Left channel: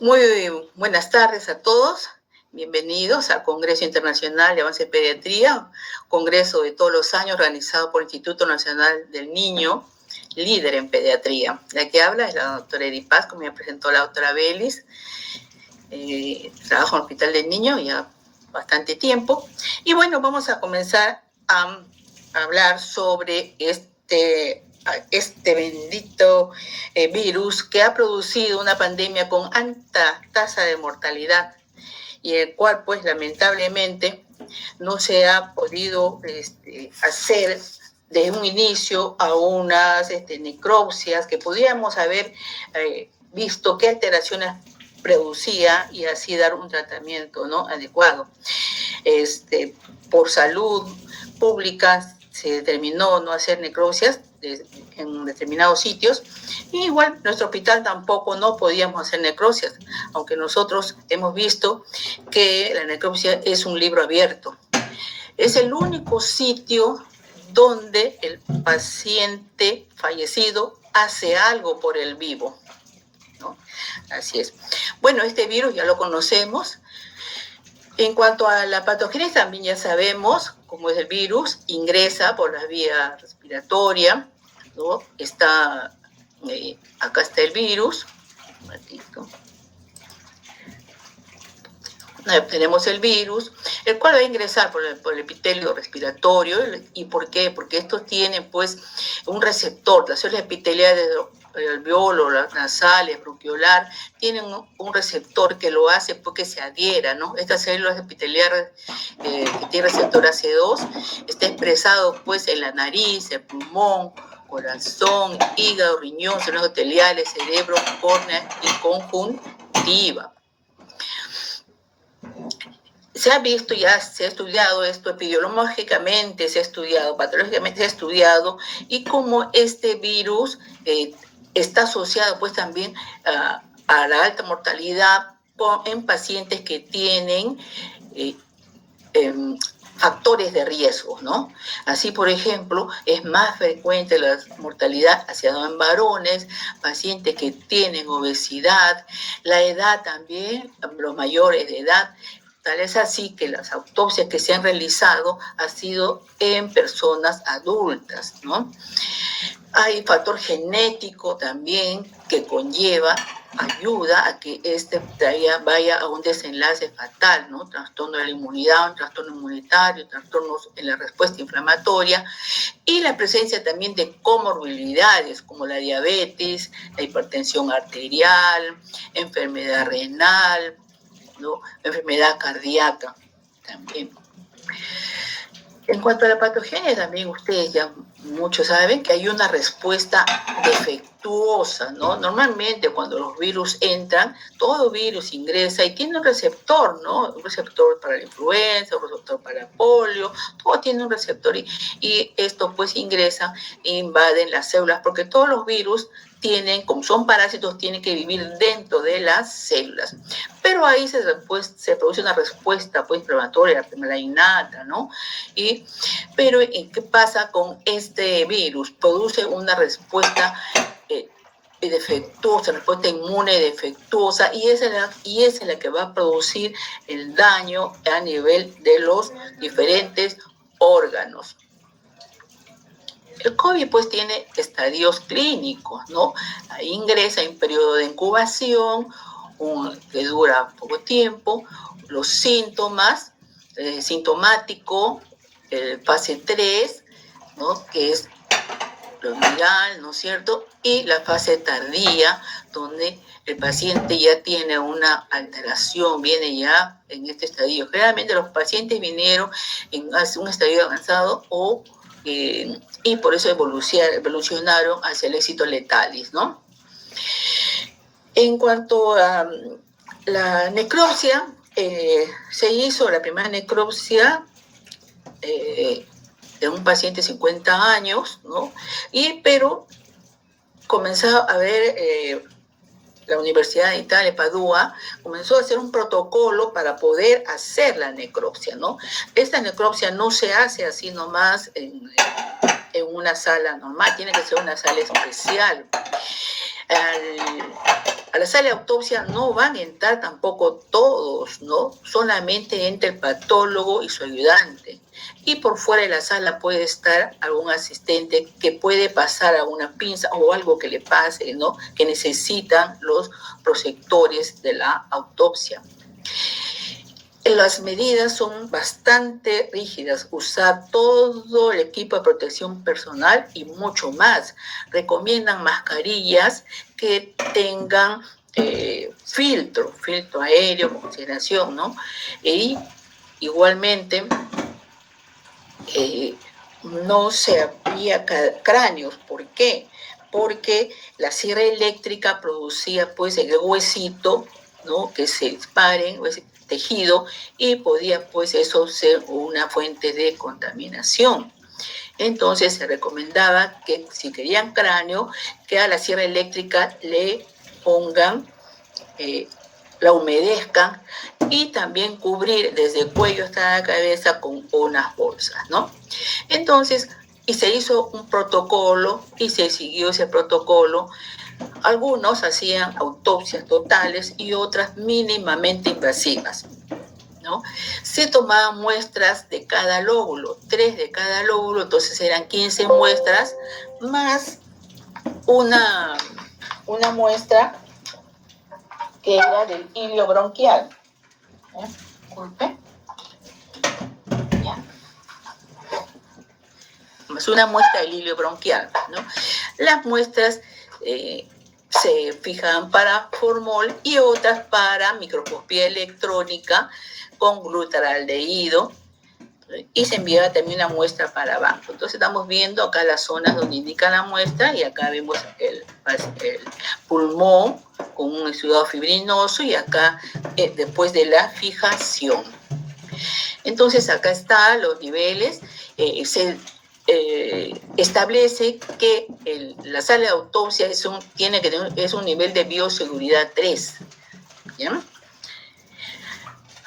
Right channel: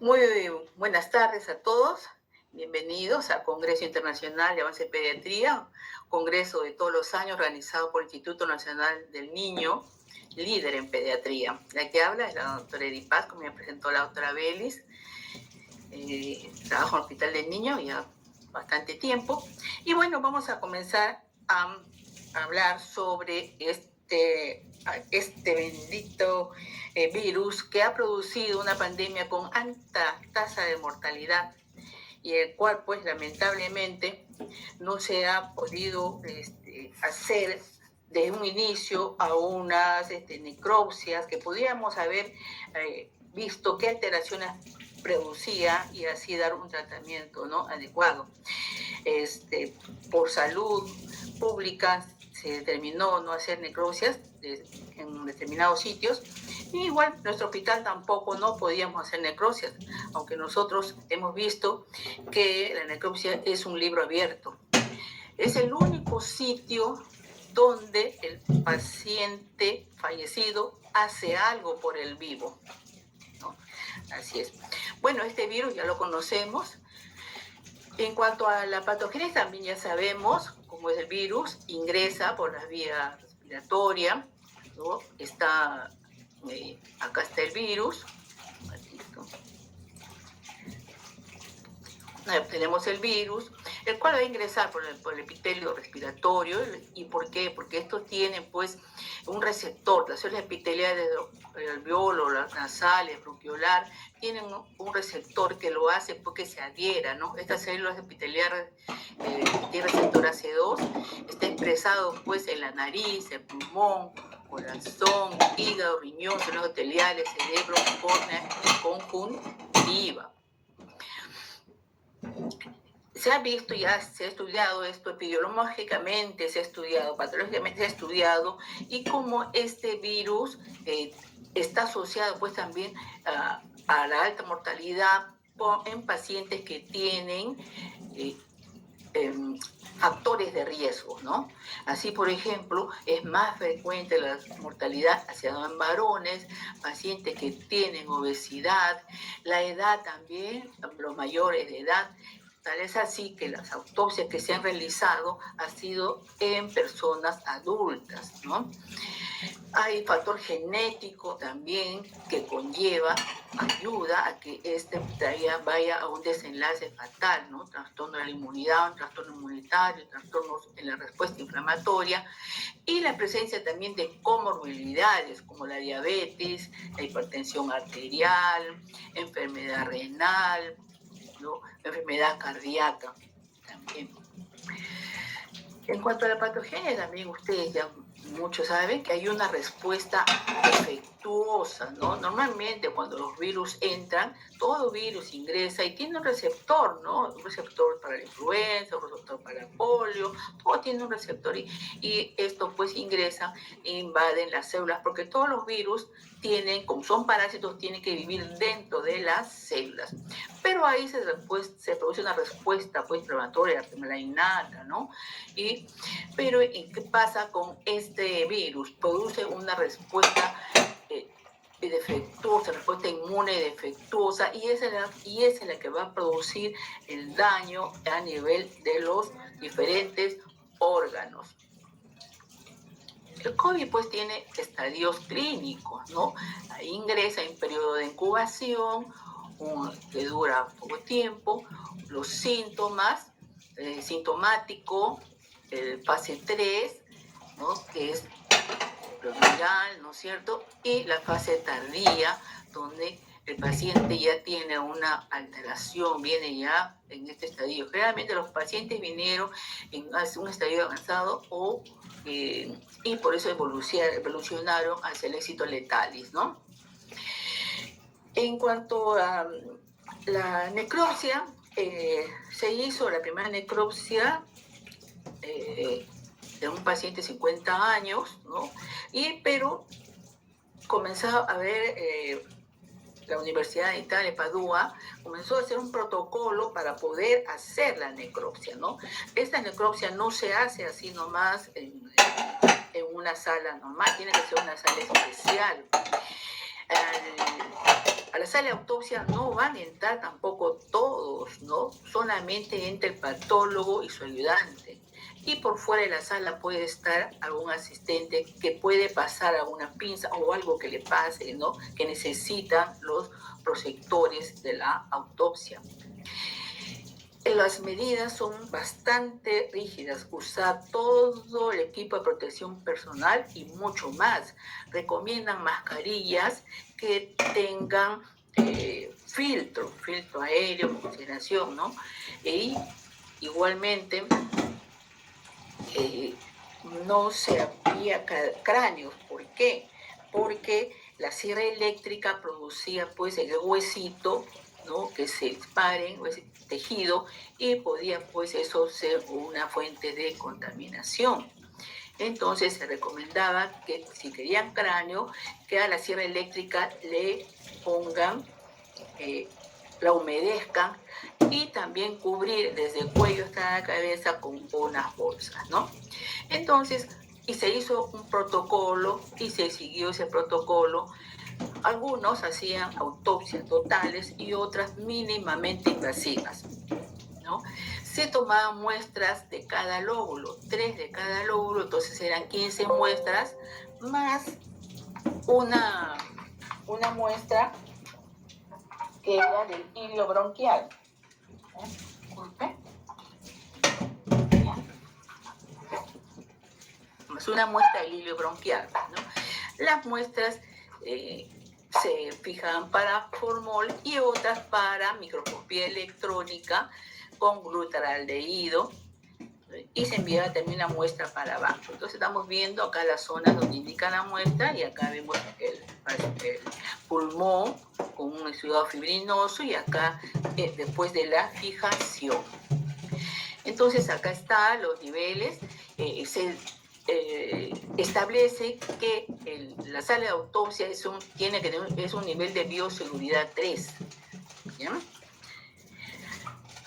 Muy buenas tardes a todos. Bienvenidos al Congreso Internacional de Avance en Pediatría, congreso de todos los años organizado por el Instituto Nacional del Niño, líder en pediatría. La que habla es la doctora Edith Paz, como me presentó la doctora Belis. Trabajo en el Hospital del Niño ya bastante tiempo. Y bueno, vamos a comenzar a hablar sobre este bendito virus que ha producido una pandemia con alta tasa de mortalidad y el cual pues lamentablemente no se ha podido hacer de un inicio a unas necropsias que podríamos haber visto qué alteraciones producía y así dar un tratamiento, ¿no?, adecuado. Por salud pública se determinó no hacer necropsias en determinados sitios, y igual nuestro hospital tampoco no podíamos hacer necropsias, aunque nosotros hemos visto que la necropsia es un libro abierto. Es el único sitio donde el paciente fallecido hace algo por el vivo, ¿no? Así es. Bueno, este virus ya lo conocemos. En cuanto a la patogénesis, también ya sabemos cómo es el virus, ingresa por la vía respiratoria, ¿no? Acá está el virus. Un ratito. Tenemos el virus, el cual va a ingresar por el epitelio respiratorio. ¿Y por qué? Porque estos tienen pues un receptor, las células epiteliales del alveolo, las nasales, bronquiolar, tienen un receptor que lo hace porque se adhiera, ¿no? Estas células epiteliales que tienen receptor AC2 está expresado pues en la nariz, el pulmón, corazón, hígado, riñón, células epiteliales, cerebro, córnea y conjuntiva. Se ha visto, ya se ha estudiado esto epidemiológicamente, se ha estudiado, patológicamente se ha estudiado, y cómo este virus está asociado pues también a la alta mortalidad en pacientes que tienen factores de riesgo, ¿no? Así, por ejemplo, es más frecuente la mortalidad asociada en varones, pacientes que tienen obesidad, la edad también, los mayores de edad. Tal es así que las autopsias que se han realizado han sido en personas adultas, ¿no? Hay factor genético también que ayuda a que vaya a un desenlace fatal, ¿no? Trastorno de la inmunidad, un trastorno inmunitario, trastornos en la respuesta inflamatoria, y la presencia también de comorbilidades como la diabetes, la hipertensión arterial, enfermedad renal, ¿no?, enfermedad cardíaca también. En cuanto a la patogenia, también ustedes ya muchos saben que hay una respuesta defectuosa, ¿no? Normalmente cuando los virus entran, todo virus ingresa y tiene un receptor, ¿no? Un receptor para la influenza, un receptor para el polio, todo tiene un receptor, y esto pues ingresa e invaden las células, porque todos los virus tienen, como son parásitos, tienen que vivir dentro de las células. Pero ahí se produce una respuesta pues inflamatoria, la innata, ¿no? Pero ¿qué pasa con este virus? Produce una respuesta defectuosa, respuesta inmune defectuosa, y esa es la que va a producir el daño a nivel de los diferentes órganos. El COVID pues tiene estadios clínicos, ¿no? Ahí ingresa en periodo de incubación, que dura poco tiempo, los síntomas, sintomático, fase 3, ¿no?, que es lo viral, ¿no es cierto? Y la fase tardía, donde el paciente ya tiene una alteración, viene ya en este estadio. Generalmente los pacientes vinieron en un estadio avanzado y por eso evolucionaron hacia el éxito letalis, ¿no? En cuanto a la necropsia, se hizo la primera necropsia de un paciente de 50 años, ¿no? Pero comenzó a ver la Universidad de Italia, Padua, comenzó a hacer un protocolo para poder hacer la necropsia, ¿no? Esta necropsia no se hace así nomás en una sala normal, tiene que ser una sala especial. A la sala de autopsia no van a entrar tampoco todos, ¿no? Solamente entra el patólogo y su ayudante. Y por fuera de la sala puede estar algún asistente que puede pasar a una pinza o algo que le pase, ¿no? Que necesitan los prosectores de la autopsia. Las medidas son bastante rígidas, usar todo el equipo de protección personal y mucho más. Recomiendan mascarillas que tengan filtro aéreo, oxigenación, ¿no? Y igualmente no se aplica cráneos. ¿Por qué? Porque la sierra eléctrica producía pues el huesito, ¿no? Que se disparen, ese tejido, y podía pues eso ser una fuente de contaminación. Entonces se recomendaba que si querían cráneo, que a la sierra eléctrica le pongan, la humedezcan y también cubrir desde el cuello hasta la cabeza con unas bolsas, ¿no? Entonces, y se hizo un protocolo y se siguió ese protocolo. Algunos hacían autopsias totales y otras mínimamente invasivas, ¿no? Se tomaban muestras de cada lóbulo, 3 de cada lóbulo, entonces eran 15 muestras más una muestra que era del hilio bronquial. Disculpe. Ya. Más una muestra del hilio bronquial, ¿no? Las muestras se fijaban para formol y otras para microscopía electrónica con glutaraldehído, y se enviaba también una muestra para banco. Entonces estamos viendo acá las zonas donde indica la muestra y acá vemos el pulmón con un exudado fibrinoso y acá después de la fijación. Entonces acá están los niveles. Se establece que la sala de autopsia es un nivel de bioseguridad 3. ¿Ya?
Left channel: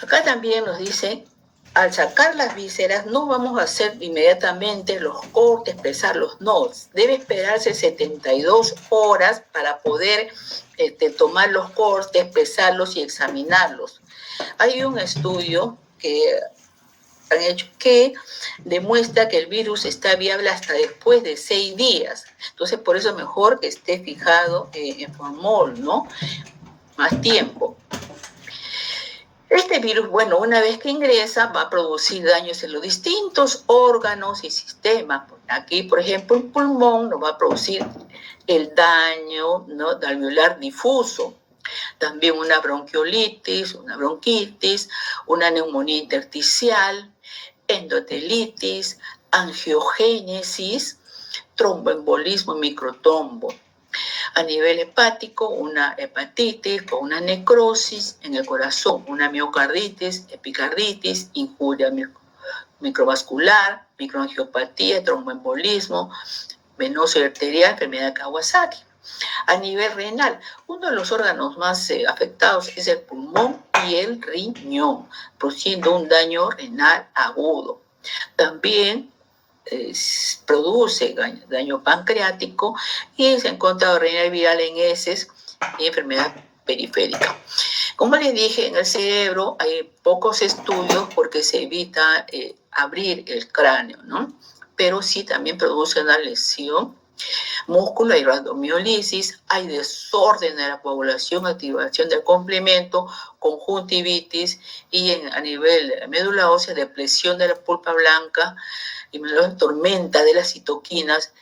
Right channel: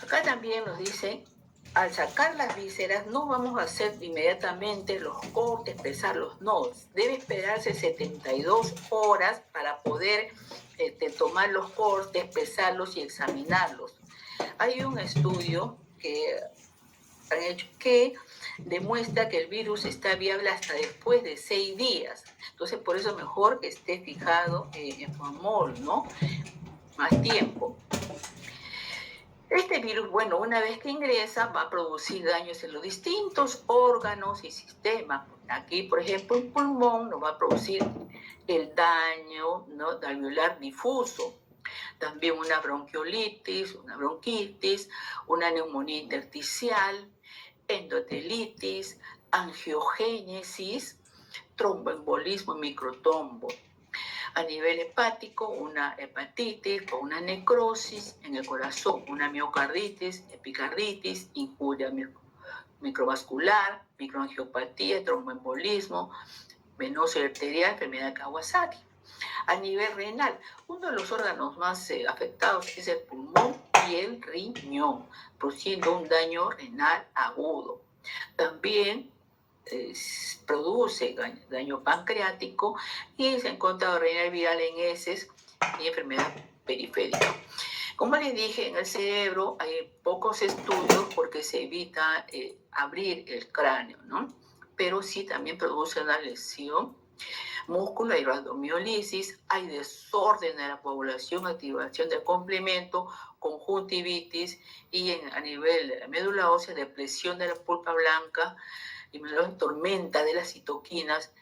Acá también nos dice, al sacar las vísceras no vamos a hacer inmediatamente los cortes, expresar los nodos. Debe esperarse 72 horas para poder tomar los cortes, pesarlos y examinarlos. Hay un estudio que han hecho que demuestra que el virus está viable hasta después de 6 días. Entonces, por eso es mejor que esté fijado en formol, ¿no? Más tiempo. Este virus, bueno, una vez que ingresa, va a producir daños en los distintos órganos y sistemas. Aquí, por ejemplo, el pulmón nos va a producir el daño, ¿no?, alveolar difuso. También una bronquiolitis, una bronquitis, una neumonía intersticial, endotelitis, angiogénesis, tromboembolismo y microtrombo. A nivel hepático, una hepatitis con una necrosis en el corazón, una miocarditis, epicarditis, injuria microvascular, microangiopatía, tromboembolismo, venoso y arterial, enfermedad de Kawasaki. A nivel renal, uno de los órganos más afectados es el pulmón y el riñón, produciendo un daño renal agudo. También produce daño pancreático y se ha encontrado renal viral en heces y enfermedad periférica. Como les dije, en el cerebro hay pocos estudios porque se evita abrir el cráneo, ¿no? Pero sí también produce una lesión. Músculo, hay rhabdomiolisis, hay desorden de la coagulación, activación del complemento, conjuntivitis y a nivel de médula ósea, depresión de la pulpa blanca, y tormenta de las citoquinas,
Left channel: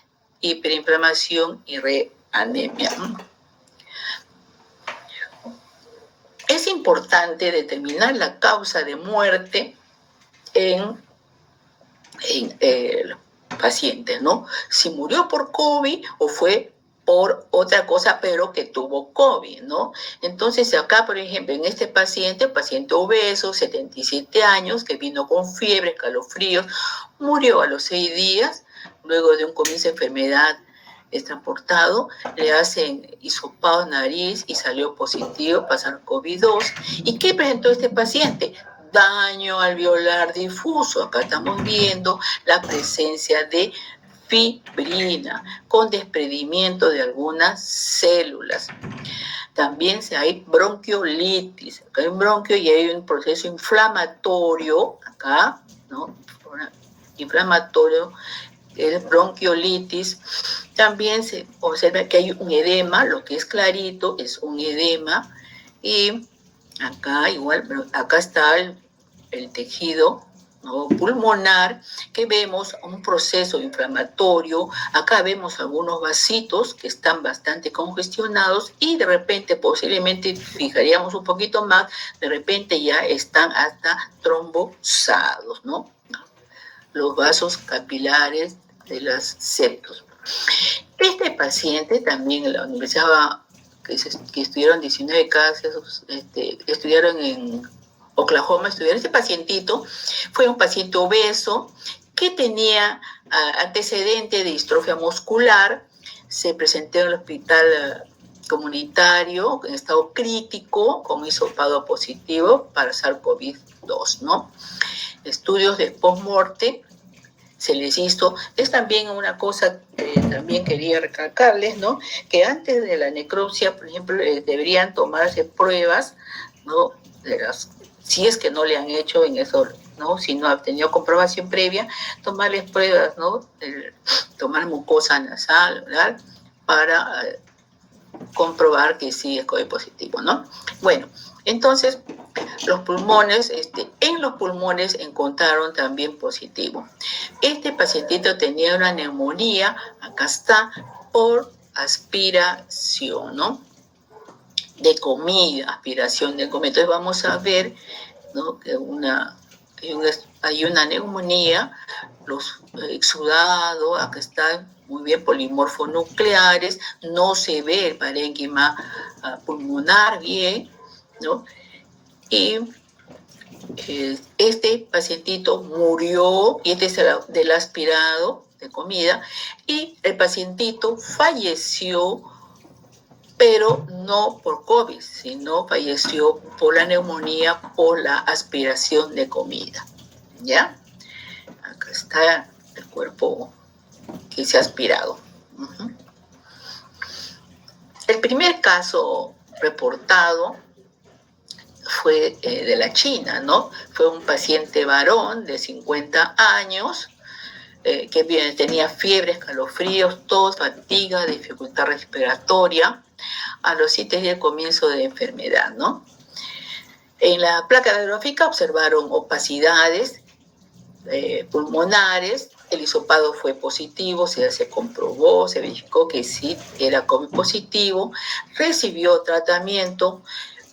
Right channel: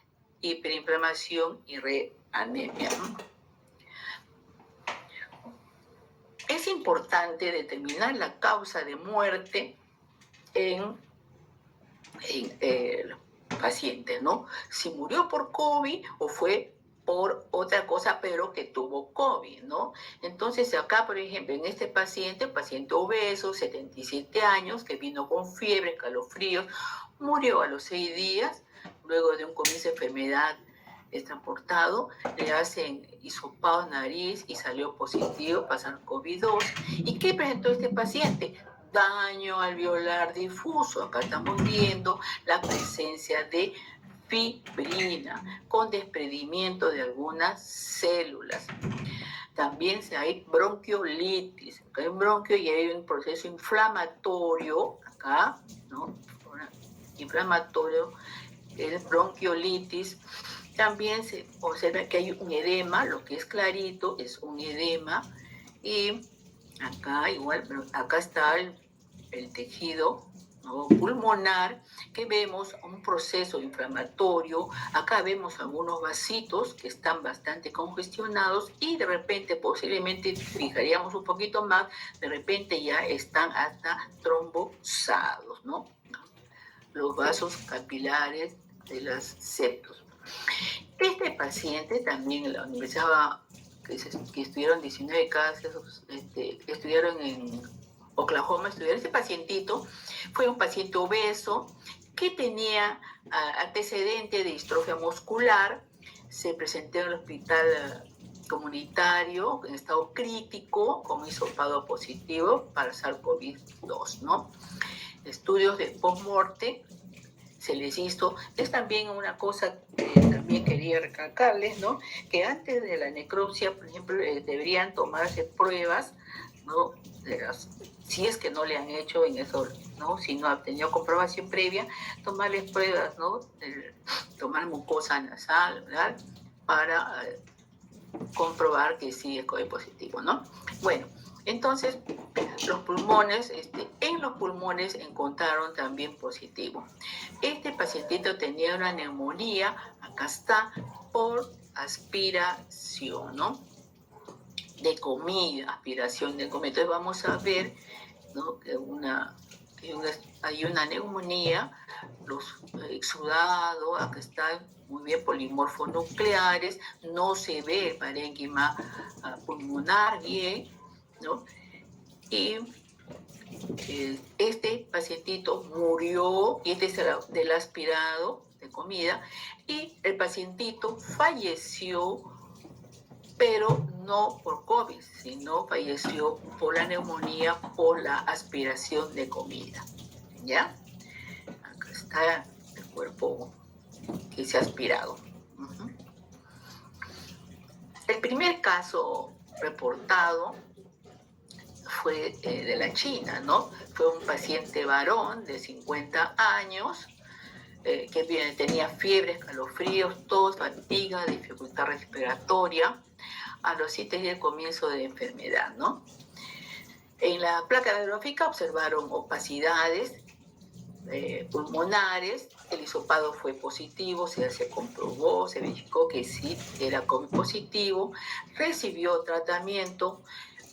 hiperinflamación y reanemia. Es importante determinar la causa de muerte en pacientes, ¿no? Si murió por COVID o fue por otra cosa, pero que tuvo COVID, ¿no? Entonces acá, por ejemplo, en este paciente, paciente obeso, 77 años, que vino con fiebre, escalofríos, murió a los 6 días, luego de un comienzo de enfermedad transportado, le hacen hisopado nariz y salió positivo para SARS-CoV-2. ¿Y qué presentó este paciente? Daño alveolar difuso. Acá estamos viendo la presencia de fibrina, con desprendimiento de algunas células. También hay bronquiolitis. Acá hay un bronquio y hay un proceso inflamatorio, acá, ¿no? Inflamatorio, es bronquiolitis. También se observa que hay un edema, lo que es clarito es un edema. Y acá igual, pero acá está el tejido, ¿no?, pulmonar, que vemos un proceso inflamatorio. Acá vemos algunos vasitos que están bastante congestionados y de repente, posiblemente, fijaríamos un poquito más, de repente ya están hasta trombosados, ¿no? Los vasos capilares de los septos. Este paciente también en la universidad, que estudiaron 19 casos, estudiaron en Oklahoma, este pacientito fue un paciente obeso que tenía antecedente de distrofia muscular. Se presentó en el hospital comunitario en estado crítico con hisopado positivo para SARS-CoV-2, ¿no? Estudios de post-morte se les hizo. Es también una cosa que también quería recalcarles, ¿no?, que antes de la necropsia, por ejemplo, deberían tomarse pruebas, ¿no?, si es que no le han hecho en eso, ¿no?, si no ha tenido comprobación previa, tomarles pruebas, ¿no?, tomar mucosa nasal, ¿verdad?, para comprobar que sí es COVID positivo, ¿no? Bueno, entonces, los pulmones, en los pulmones encontraron también positivo. Este pacientito tenía una neumonía, acá está, por aspiración, ¿no?, de comida, aspiración de comida. Entonces vamos a ver, ¿no?, que hay una neumonía, los exudados, acá están muy bien, polimorfonucleares, no se ve el parénquima pulmonar bien, ¿no? Y este pacientito murió, y este es del aspirado de comida, y el pacientito falleció, pero no por COVID, sino falleció por la neumonía, por la aspiración de comida, ¿ya? Acá está el cuerpo que se ha aspirado. El primer caso reportado fue de la China, ¿no? Fue un paciente varón de 50 años que tenía fiebre, escalofríos, tos, fatiga, dificultad respiratoria a los 7 días del comienzo de enfermedad, ¿no? En la placa radiográfica observaron opacidades pulmonares. El hisopado fue positivo, se comprobó, se verificó que sí era COVID positivo, recibió tratamiento,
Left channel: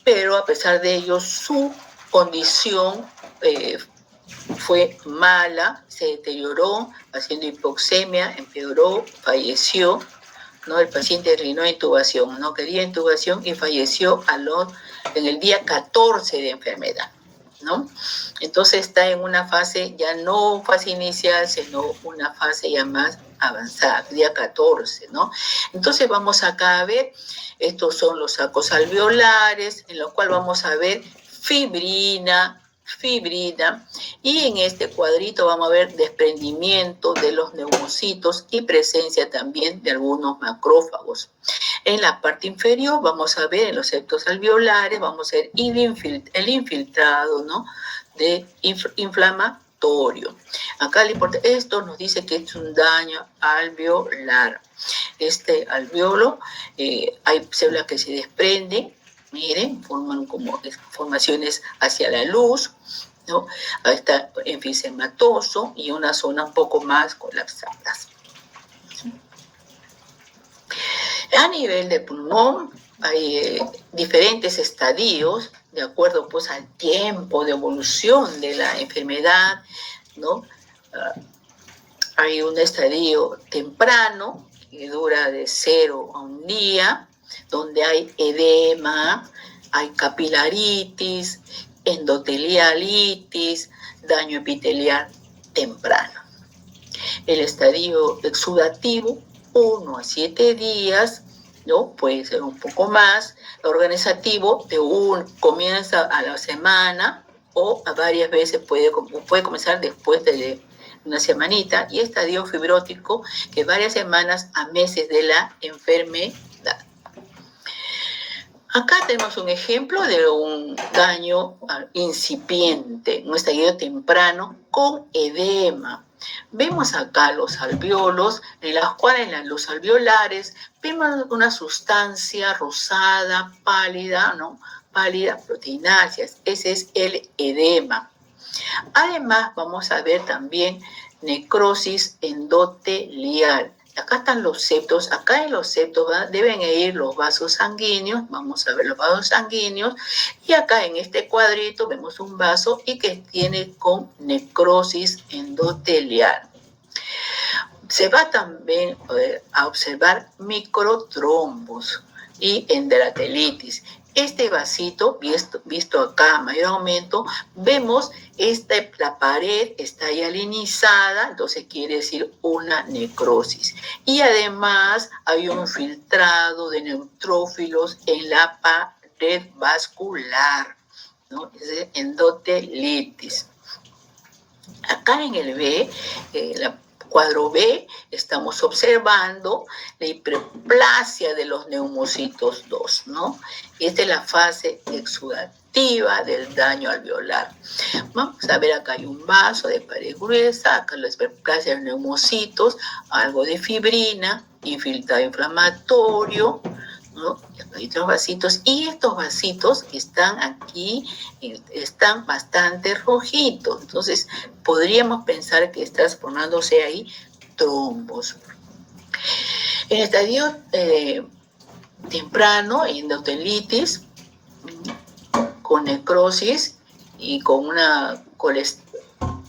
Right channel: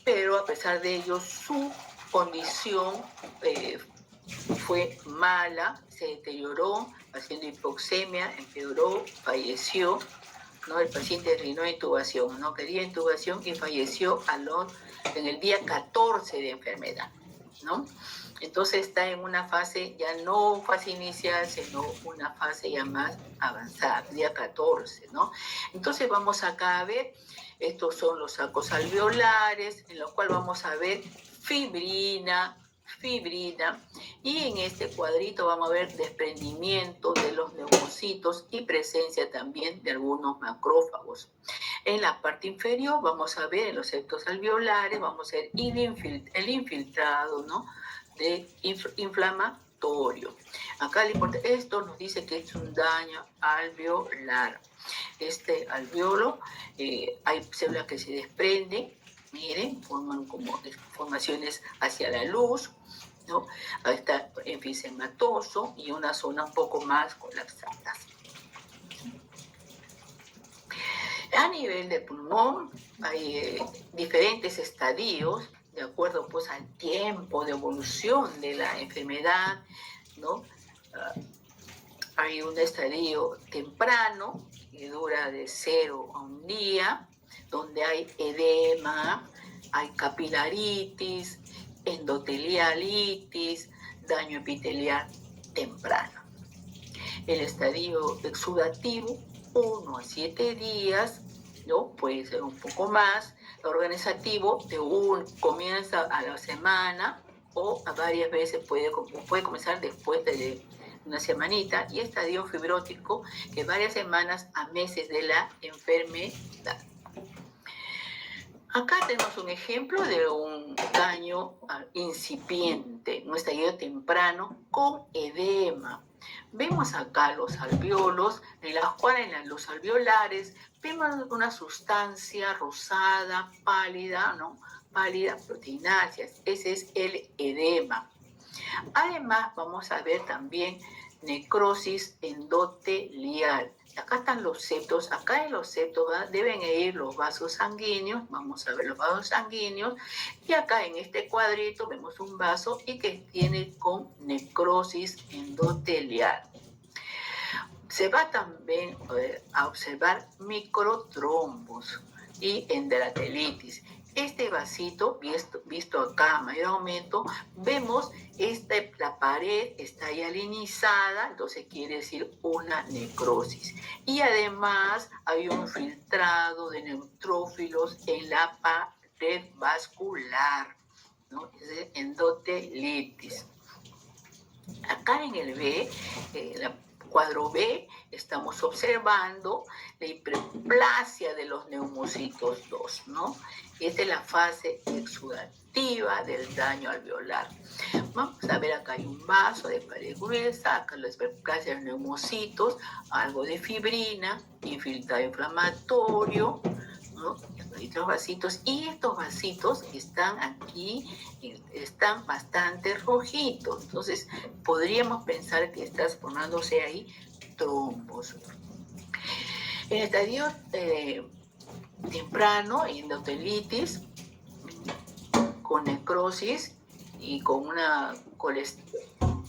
pero a pesar de ello su condición fue mala, se deterioró, haciendo hipoxemia, empeoró, falleció, ¿no? El paciente terminó intubación, no quería intubación y falleció en el día 14 de enfermedad, ¿no? Entonces está en una fase ya no fase inicial, sino una fase ya más avanzada, día 14, ¿no? Entonces vamos acá a ver, estos son los sacos alveolares, en los cuales vamos a ver fibrina, y en este cuadrito vamos a ver desprendimiento de los neumocitos y presencia también de algunos macrófagos. En la parte inferior vamos a ver en los septos alveolares, vamos a ver el infiltrado, ¿no?, de inflamatorio. Acá esto nos dice que es un daño alveolar. Este alveolo, hay células que se desprenden, miren, forman como formaciones hacia la luz, ¿no? Está enfisematoso y una zona un poco más colapsada. A nivel de pulmón hay diferentes estadios de acuerdo pues al tiempo de evolución de la enfermedad, ¿no? Hay un estadio temprano que dura de 0 a 1 día, donde hay edema, hay capilaritis, endotelialitis, daño epitelial temprano. El estadio exudativo, 1 a 7 días, ¿no? Puede ser un poco más. Organizativo, comienza a la semana o a varias veces puede comenzar después de una semanita, y estadio fibrótico, que varias semanas a meses de la enfermedad. Acá tenemos un ejemplo de un daño incipiente, un estallido temprano con edema. Vemos acá los alvéolos, en las cuales en los alveolares vemos una sustancia rosada, pálida, ¿no? Pálida, proteináceas. Ese es el edema. Además, vamos a ver también necrosis endotelial. Acá están los septos. Acá en los septos deben ir los vasos sanguíneos. Vamos a ver los vasos sanguíneos. Y acá en este cuadrito vemos un vaso y que tiene con necrosis endotelial. Se va también a observar microtrombos y enteratelitis. Este vasito, visto acá a mayor aumento, vemos la pared está ya linizada, entonces quiere decir una necrosis. Y además hay un filtrado de neutrófilos en la pared vascular, ¿no? Es endotelitis. Acá en el B, cuadro B, estamos observando la hiperplasia de los neumocitos 2, ¿no? Esta es la fase exudativa del daño alveolar. Vamos a ver, acá hay un vaso de pared gruesa, acá la hiperplasia de los neumocitos, algo de fibrina, infiltrado inflamatorio, ¿no? Hay otros vasitos, y estos vasitos están aquí, están bastante rojitos, entonces podríamos pensar que está formándose ahí trombos. En estadio temprano, endotelitis, con necrosis y con una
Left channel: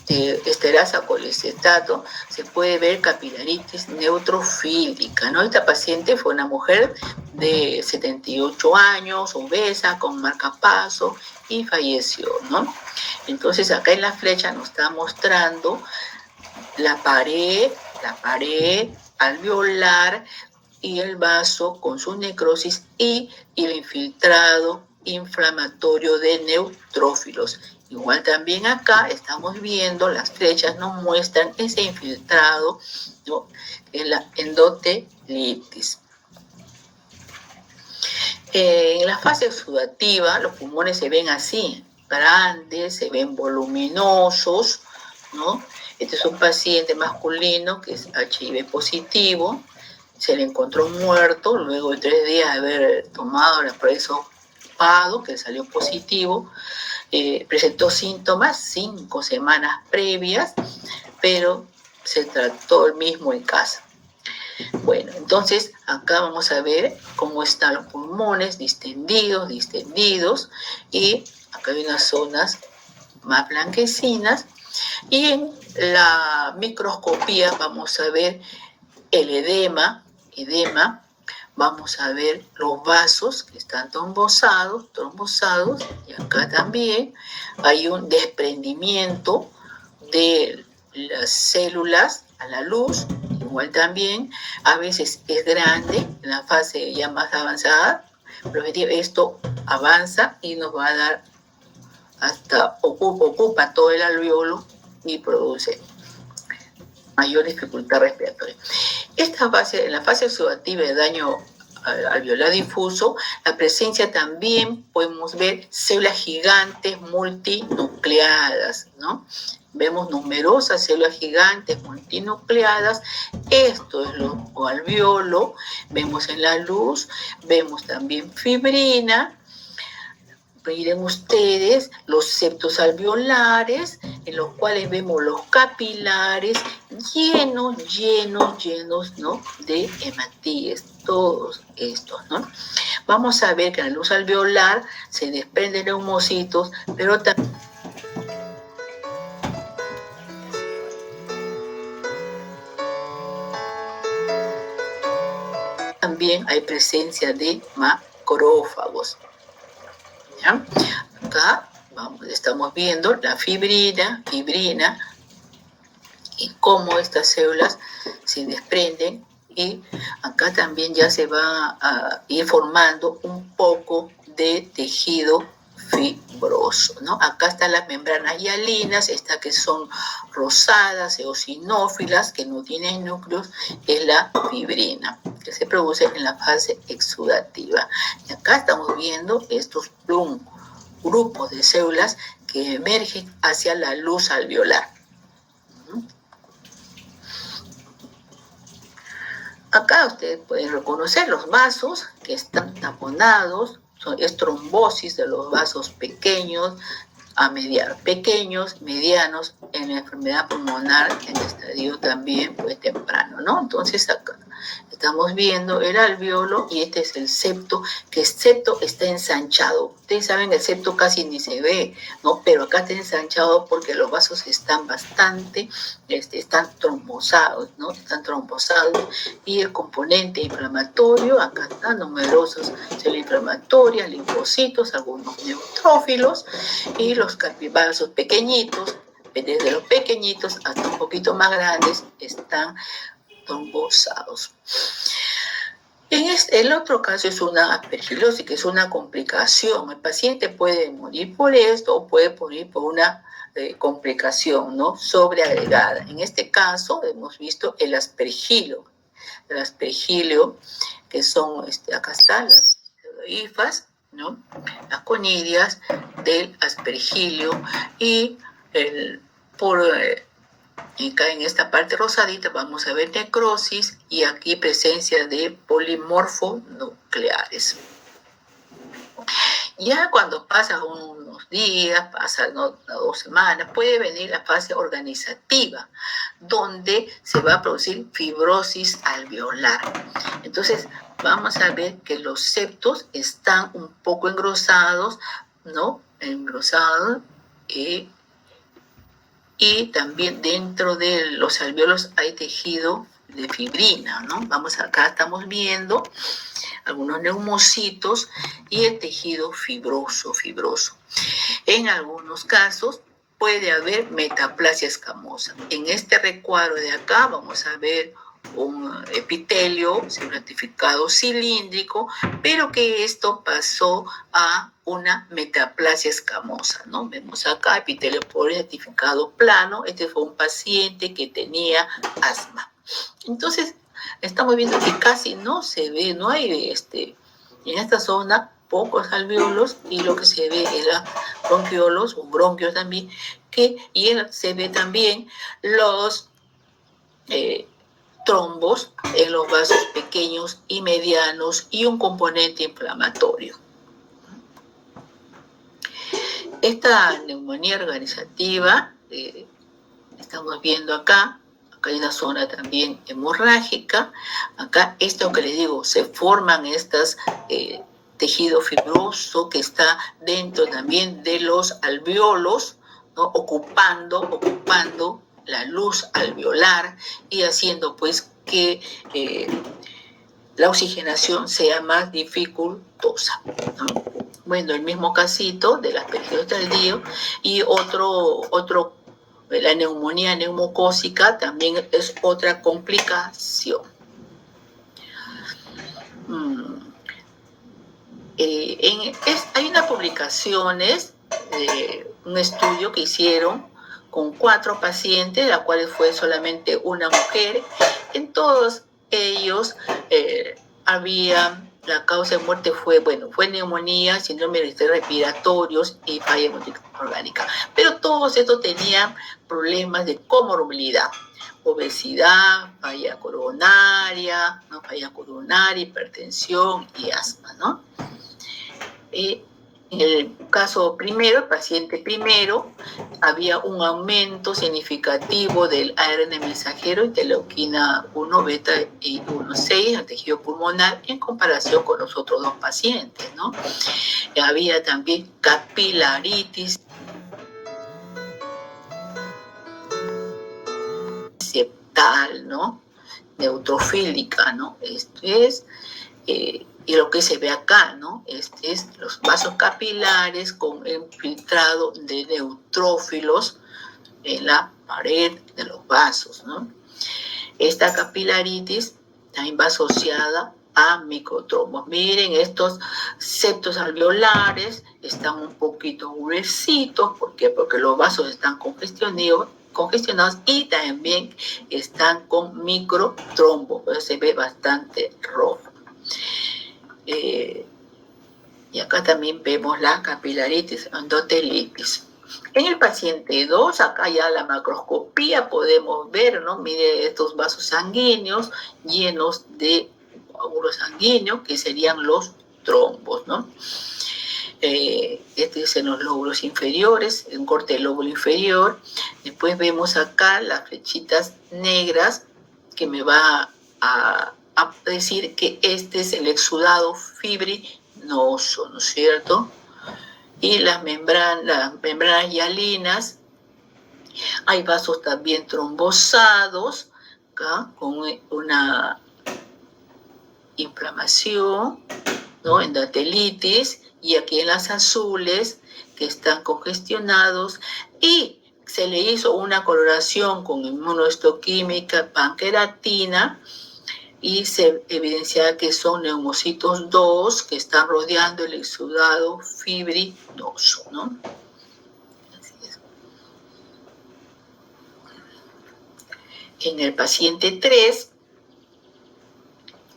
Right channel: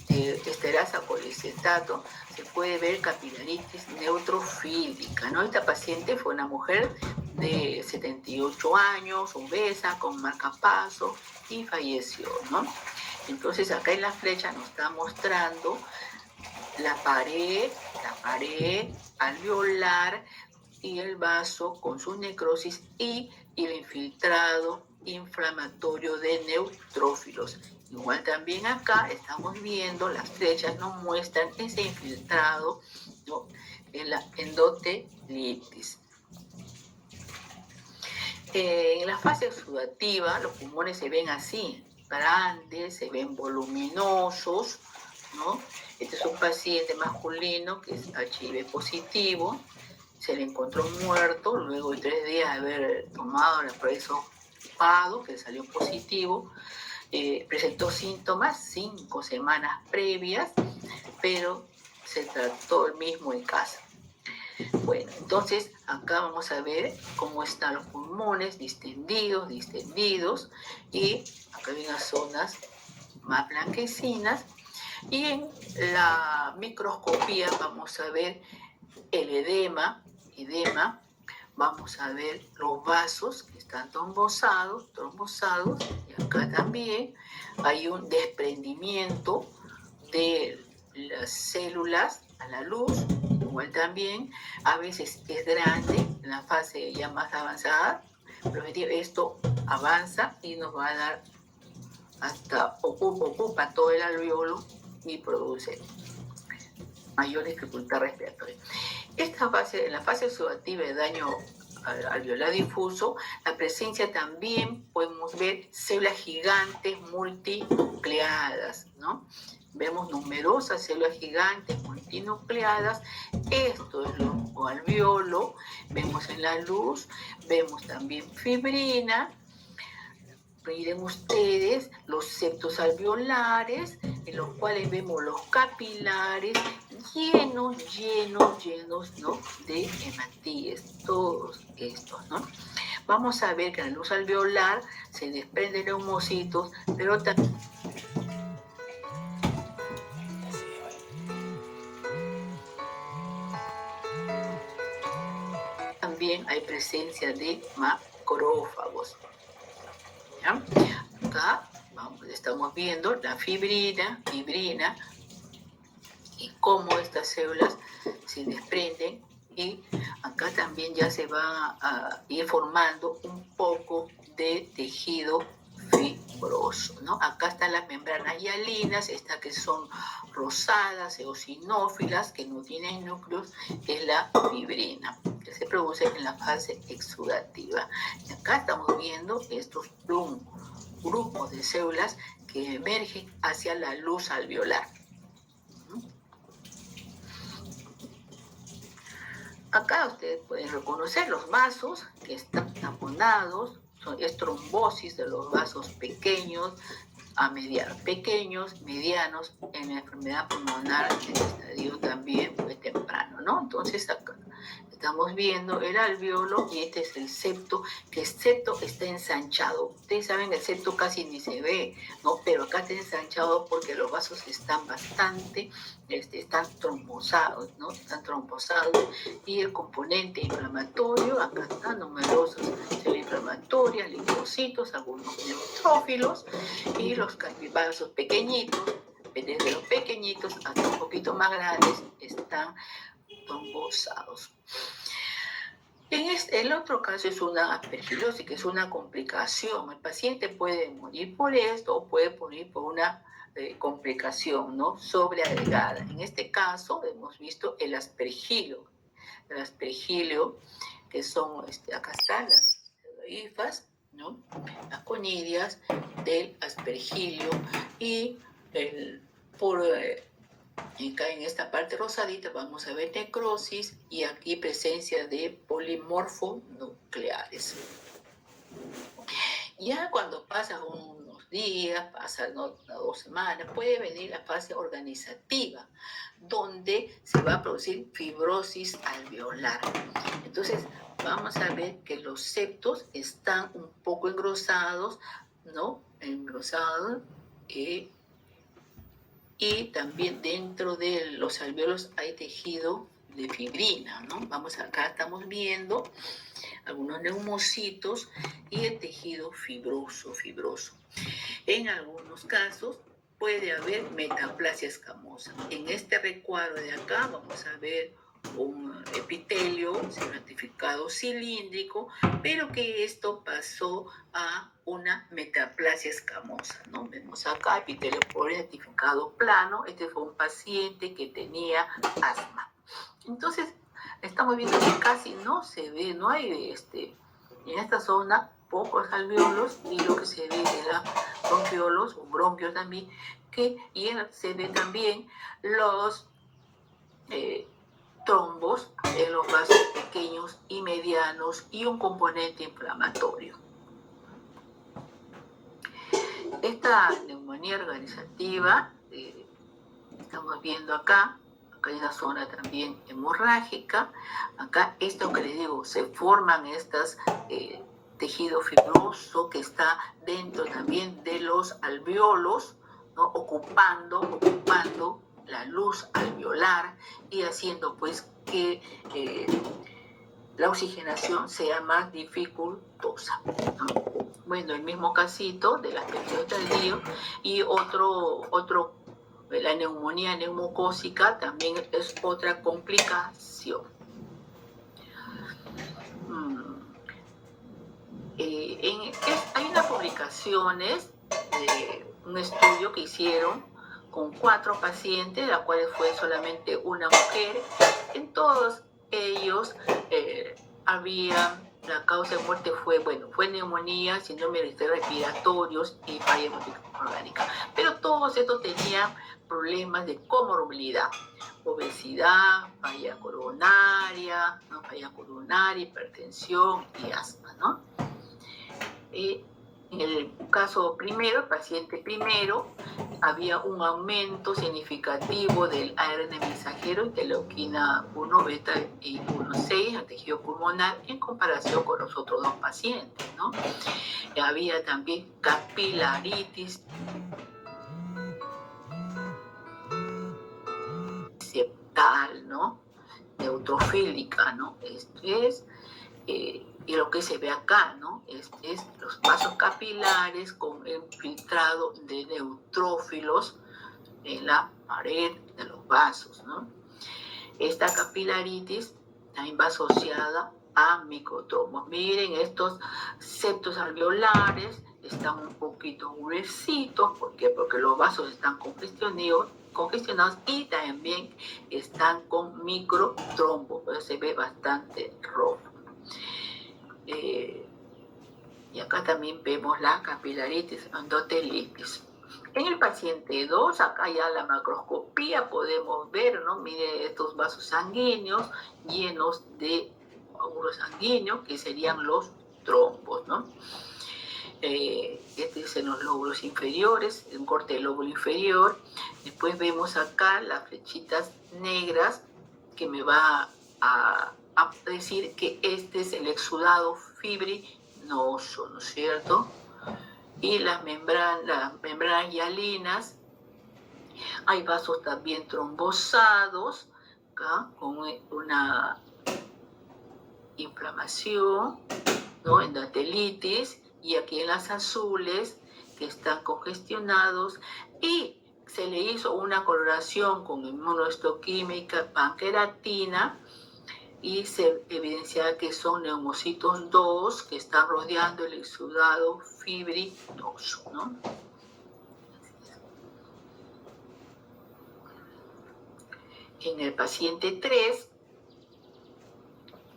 esterasa colestetato, se puede ver capilaritis neutrofílica, ¿no? Esta paciente fue una mujer de 78 años, obesa, con marcapaso, y falleció, ¿no? Entonces acá en la flecha nos está mostrando la pared alveolar y el vaso con su necrosis y el infiltrado inflamatorio de neutrófilos. Igual también acá estamos viendo, las flechas nos muestran ese infiltrado, ¿no? En la endotelitis. En la fase exudativa, los pulmones se ven así, grandes, se ven voluminosos, ¿no? Este es un paciente masculino que es HIV positivo, se le encontró muerto luego de 3 días de haber tomado la prueba de hisopado, que salió positivo. Presentó síntomas 5 semanas previas, pero se trató el mismo en casa. Bueno, entonces acá vamos a ver cómo están los pulmones distendidos, y acá hay unas zonas más blanquecinas, y en la microscopía vamos a ver el edema, vamos a ver los vasos que están trombosados, y acá también hay un desprendimiento de las células a la luz, igual también, a veces es grande, en la fase ya más avanzada, pero esto avanza y nos va a dar hasta, ocupa todo el alveolo y produce mayor dificultad respiratoria. En la fase exudativa de daño alveolar difuso, la presencia también podemos ver células gigantes multinucleadas, ¿no? Vemos numerosas células gigantes multinucleadas. Esto es lo alveolo. Vemos en la luz, vemos también fibrina. Miren ustedes los septos alveolares, en los cuales vemos los capilares llenos, ¿no? De hematíes, todos estos, ¿no? Vamos a ver que en la luz alveolar se desprenden neumocitos, pero también hay presencia de macrófagos. ¿Ya? Acá estamos viendo la fibrina y cómo estas células se desprenden, y acá también ya se va a ir formando un poco de tejido fibroso. fibroso, ¿no? Acá están las membranas hialinas, estas que son rosadas, eosinófilas, que no tienen núcleos, es la fibrina, que se produce en la fase exudativa. Y acá estamos viendo estos grupos de células que emergen hacia la luz alveolar. Acá ustedes pueden reconocer los vasos que están taponados, es trombosis de los vasos pequeños a pequeños, medianos, en la enfermedad pulmonar en estadio también pues temprano, ¿no? Entonces acá estamos viendo el alveolo y este es el septo, que el septo está ensanchado. Ustedes saben, el septo casi ni se ve, ¿no? Pero acá está ensanchado porque los vasos están bastante, están trombosados, ¿no? Están trombosados y el componente inflamatorio, acá están numerosos células inflamatorias, linfocitos, algunos neutrófilos y los vasos pequeñitos, desde los pequeñitos hasta un poquito más grandes, están trombosados. El otro caso es una aspergilosis, que es una complicación. El paciente puede morir por esto o puede morir por una complicación, ¿no?, sobreagregada. En este caso hemos visto el aspergilio, que son, acá están las hifas, ¿no?, las conidias del aspergilio y acá en esta parte rosadita vamos a ver necrosis y aquí presencia de polimorfonucleares. Ya cuando pasan unos días, pasan 2 semanas, puede venir la fase organizativa, donde se va a producir fibrosis alveolar. Entonces, vamos a ver que los septos están un poco engrosados, ¿no? Engrosados, y también dentro de los alveolos hay tejido de fibrina, ¿no? Acá estamos viendo algunos neumocitos y el tejido fibroso. En algunos casos puede haber metaplasia escamosa. En este recuadro de acá vamos a ver un epitelio ratificado cilíndrico, pero que esto pasó a una metaplasia escamosa, ¿no? Vemos acá epitelio ratificado plano. Este fue un paciente que tenía asma. Entonces, estamos viendo que casi no se ve, no hay en esta zona pocos alveolos, y lo que se ve es la bronquiolos o bronquios también, y se ve también los trombos en los vasos pequeños y medianos y un componente inflamatorio. Esta neumonía organizativa, estamos viendo acá hay una zona también hemorrágica. Acá, esto que les digo, se forman estas tejido fibroso que está dentro también de los alveolos, ¿no?, ocupando la luz alveolar y haciendo pues que la oxigenación sea más dificultosa, ¿no? Bueno, el mismo casito de las aspergillosis tardío y la neumonía neumocócica también es otra complicación. Hay unas publicaciones de un estudio que hicieron con 4 pacientes, la cual fue solamente una mujer. En todos ellos la causa de muerte fue neumonía, síndrome respiratorios y falla orgánica. Pero todos estos tenían problemas de comorbilidad: obesidad, falla coronaria, hipertensión y asma, ¿no? En el caso primero, el paciente primero, había un aumento significativo del ARN mensajero, interleuquina 1 beta y 1,6 al tejido pulmonar en comparación con los otros 2 pacientes, ¿no? Había también capilaritis septal, ¿no?, neutrofílica, ¿no? Esto es, y lo que se ve acá, ¿no?, es los vasos capilares con infiltrado de neutrófilos en la pared de los vasos, ¿no? Esta capilaritis también va asociada a microtrombos. Miren, estos septos alveolares están un poquito gruesitos. ¿Por qué? Porque los vasos están congestionados y también están con microtrombos. Pues se ve bastante rojo. Y acá también vemos la capilaritis endotelitis. En el paciente 2, acá ya la macroscopía podemos ver, ¿no? Mire estos vasos sanguíneos llenos de coágulos sanguíneos, que serían los trombos, ¿no? Este es en los lóbulos inferiores, un corte del lóbulo inferior. Después vemos acá las flechitas negras, que me va a decir que este es el exudado fibrinoso, ¿no es cierto? Y las membranas hialinas, hay vasos también trombosados, acá, con una inflamación, ¿no? Endotelitis, y aquí en las azules, que están congestionados, y se le hizo una coloración con inmunohistoquímica panqueratina, y se evidencia que son neumocitos 2 que están rodeando el exudado fibrinoso, ¿no? Así es. En el paciente 3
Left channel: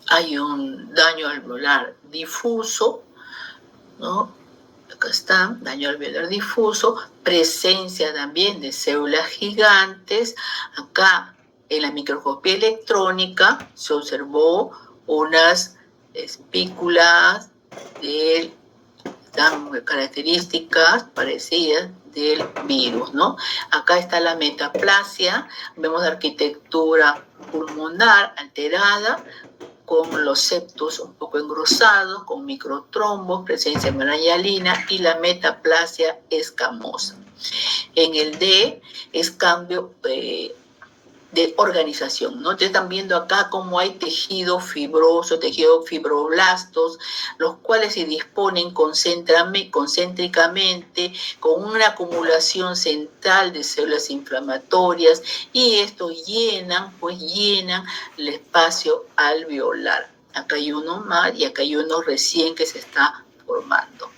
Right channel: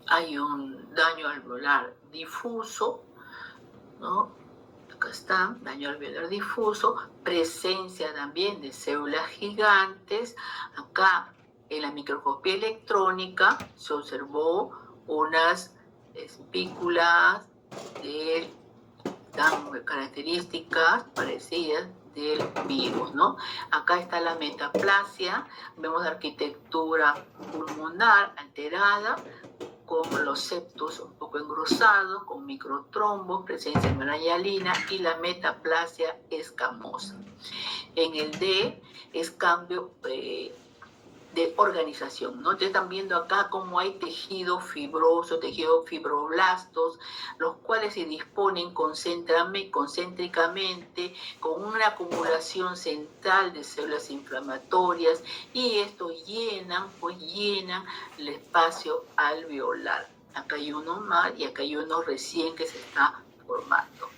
hay un daño alveolar difuso, ¿no? Acá está, daño alveolar difuso, presencia también de células gigantes. Acá en la microscopía electrónica se observó unas espículas tan características parecidas del virus, ¿no? Acá está la metaplasia, vemos la arquitectura pulmonar alterada, con los septos un poco engrosados, con microtrombos, presencia de membrana hialina y la metaplasia escamosa. En el D es cambio de organización, ¿no? Ustedes están viendo acá cómo hay tejido fibroso, tejido fibroblastos, los cuales se disponen concéntricamente con una acumulación central de células inflamatorias, y estos llenan el espacio alveolar. Acá hay uno más y acá hay uno recién que se está formando.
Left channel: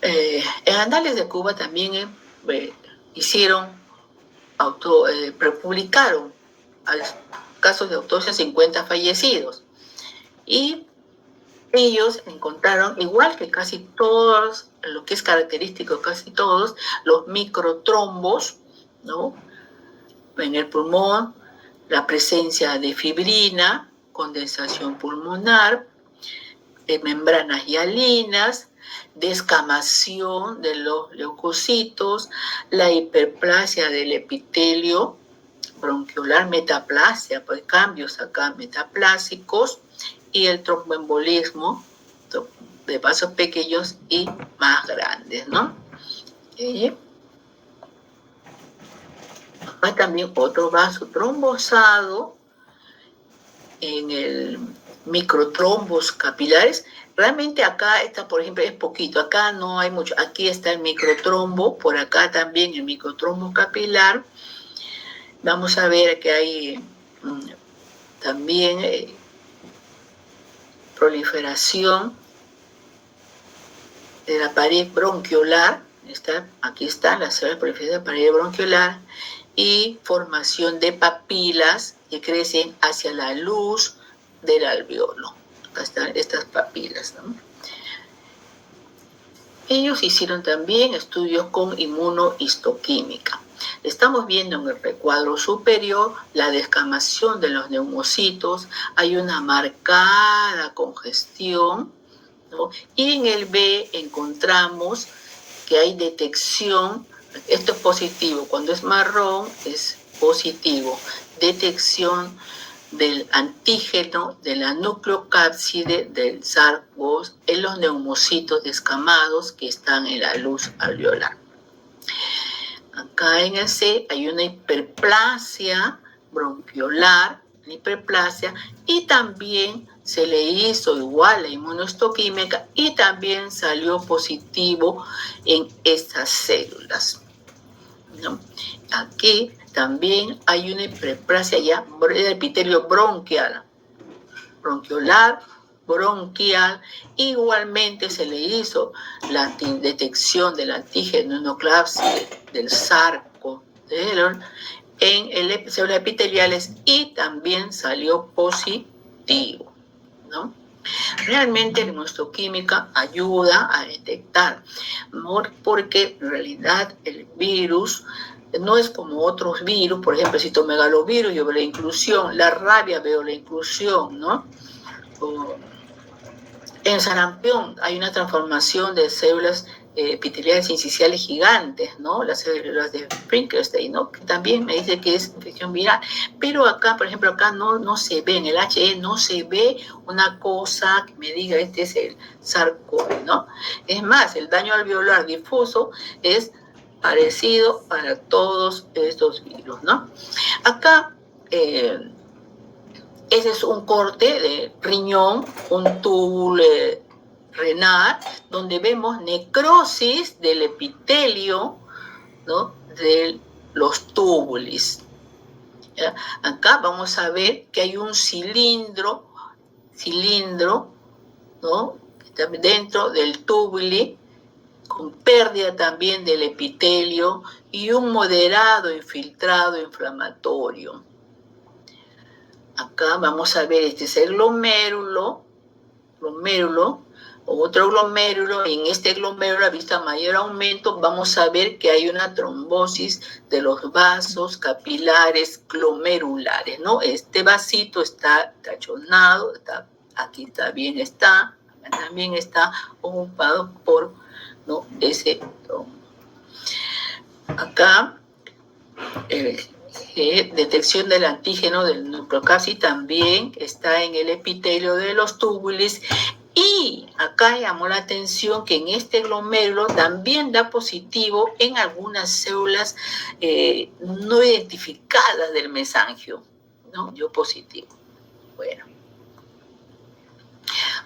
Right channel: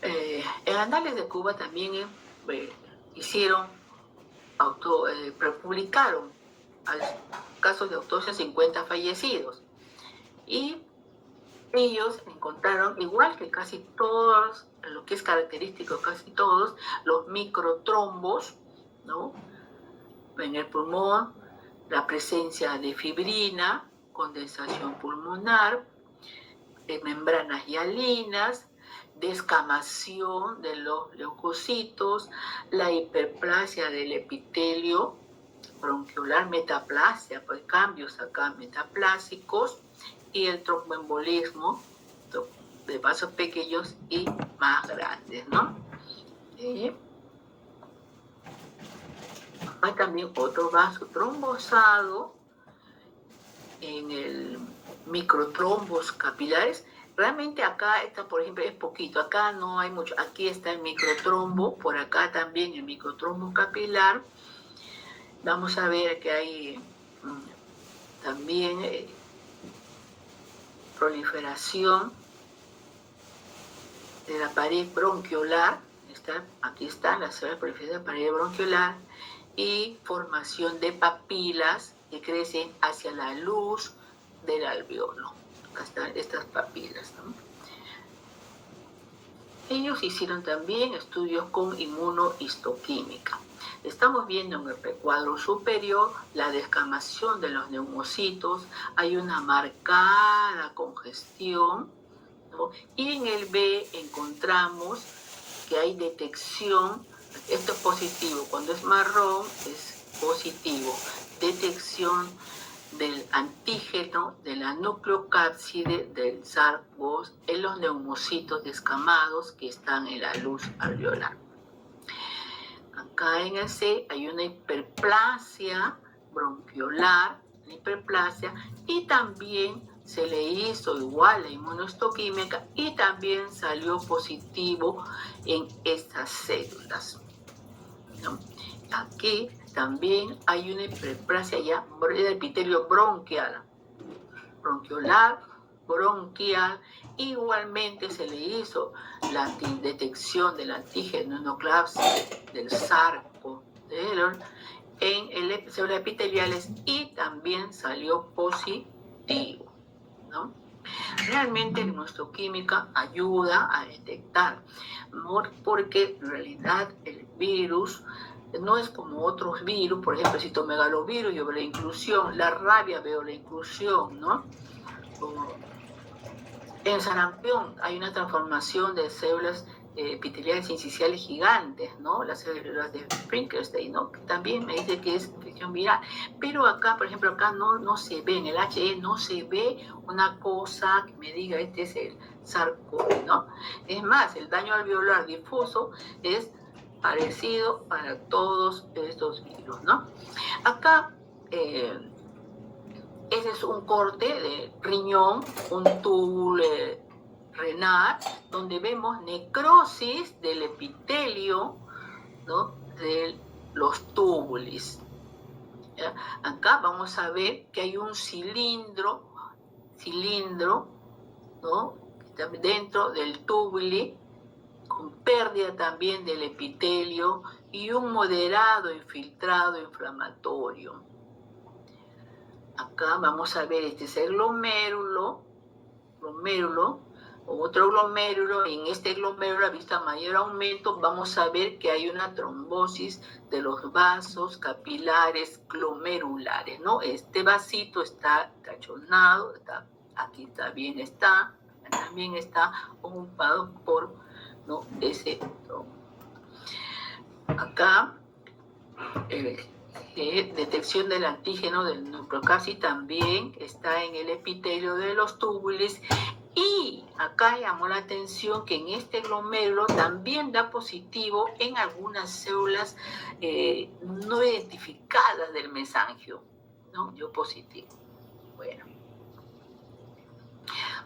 En Anales de Cuba también publicaron casos de autopsia 50 fallecidos, y ellos encontraron, igual que casi todos, lo que es característico casi todos, los microtrombos, ¿no? En el pulmón, la presencia de fibrina, condensación pulmonar, membranas hialinas, descamación de los leucocitos, la hiperplasia del epitelio bronquiolar, metaplasia, pues cambios acá metaplásicos, y el tromboembolismo de vasos pequeños y más grandes, ¿no? Hay también otro vaso trombosado en el microtrombos capilares. Realmente acá está, por ejemplo, es poquito, acá no hay mucho. Aquí está el microtrombo, por acá también el microtrombo capilar. Vamos a ver que hay también proliferación de la pared bronquiolar. Aquí está la célula proliferación de la pared bronquiolar, y formación de papilas que crecen hacia la luz del alveolo. Acá están estas papilas, ¿no? Ellos hicieron también estudios con inmunohistoquímica. Estamos viendo en el recuadro superior la descamación de los neumocitos, hay una marcada congestión, ¿no? Y en el B encontramos que hay detección, esto es positivo, cuando es marrón es positivo, detección del antígeno de la nucleocápside del SARS-CoV en los neumocitos descamados que están en la luz alveolar. Acá en el C hay una hiperplasia bronquiolar, y también se le hizo igual la inmunohistoquímica y también salió positivo en estas células, ¿no? Aquí también hay una hiperplasia ya del epitelio bronquial, bronquiolar, bronquial. Igualmente se le hizo la detección del antígeno nucleapsis del sarcodelon en células epiteliales y también salió positivo, ¿no? Realmente la inmunohistoquímica ayuda a detectar, porque en realidad el virus no es como otros virus, por ejemplo, el citomegalovirus, yo veo la inclusión, la rabia veo la inclusión, ¿no? En sarampión hay una transformación de células epiteliales incisionales gigantes, ¿no? Las células de Frankenstein, ¿no? Que también me dice que es infección viral. Pero acá, por ejemplo, acá no se ve, en el HE no se ve una cosa que me diga este es el sarcoma, ¿no? Es más, el daño alveolar difuso es parecido para todos estos virus, ¿no? Acá, ese es un corte de riñón, un túbulo renal, donde vemos necrosis del epitelio, ¿no? De los túbulos. ¿Ya? Acá vamos a ver que hay un cilindro, ¿no? Que está dentro del túbulo, con pérdida también del epitelio y un moderado infiltrado inflamatorio. Acá vamos a ver, este es el glomérulo, otro glomérulo. En este glomérulo, a vista mayor aumento, vamos a ver que hay una trombosis de los vasos capilares glomerulares, ¿no? Este vasito está tachonado, aquí también está ocupado por, ¿no? ese trombo. Acá, detección del antígeno del nucleocapsid también está en el epitelio de los túbulos. Y acá llamó la atención que en este glomérulo también da positivo en algunas células no identificadas del mesangio, ¿no? Dio positivo. Bueno.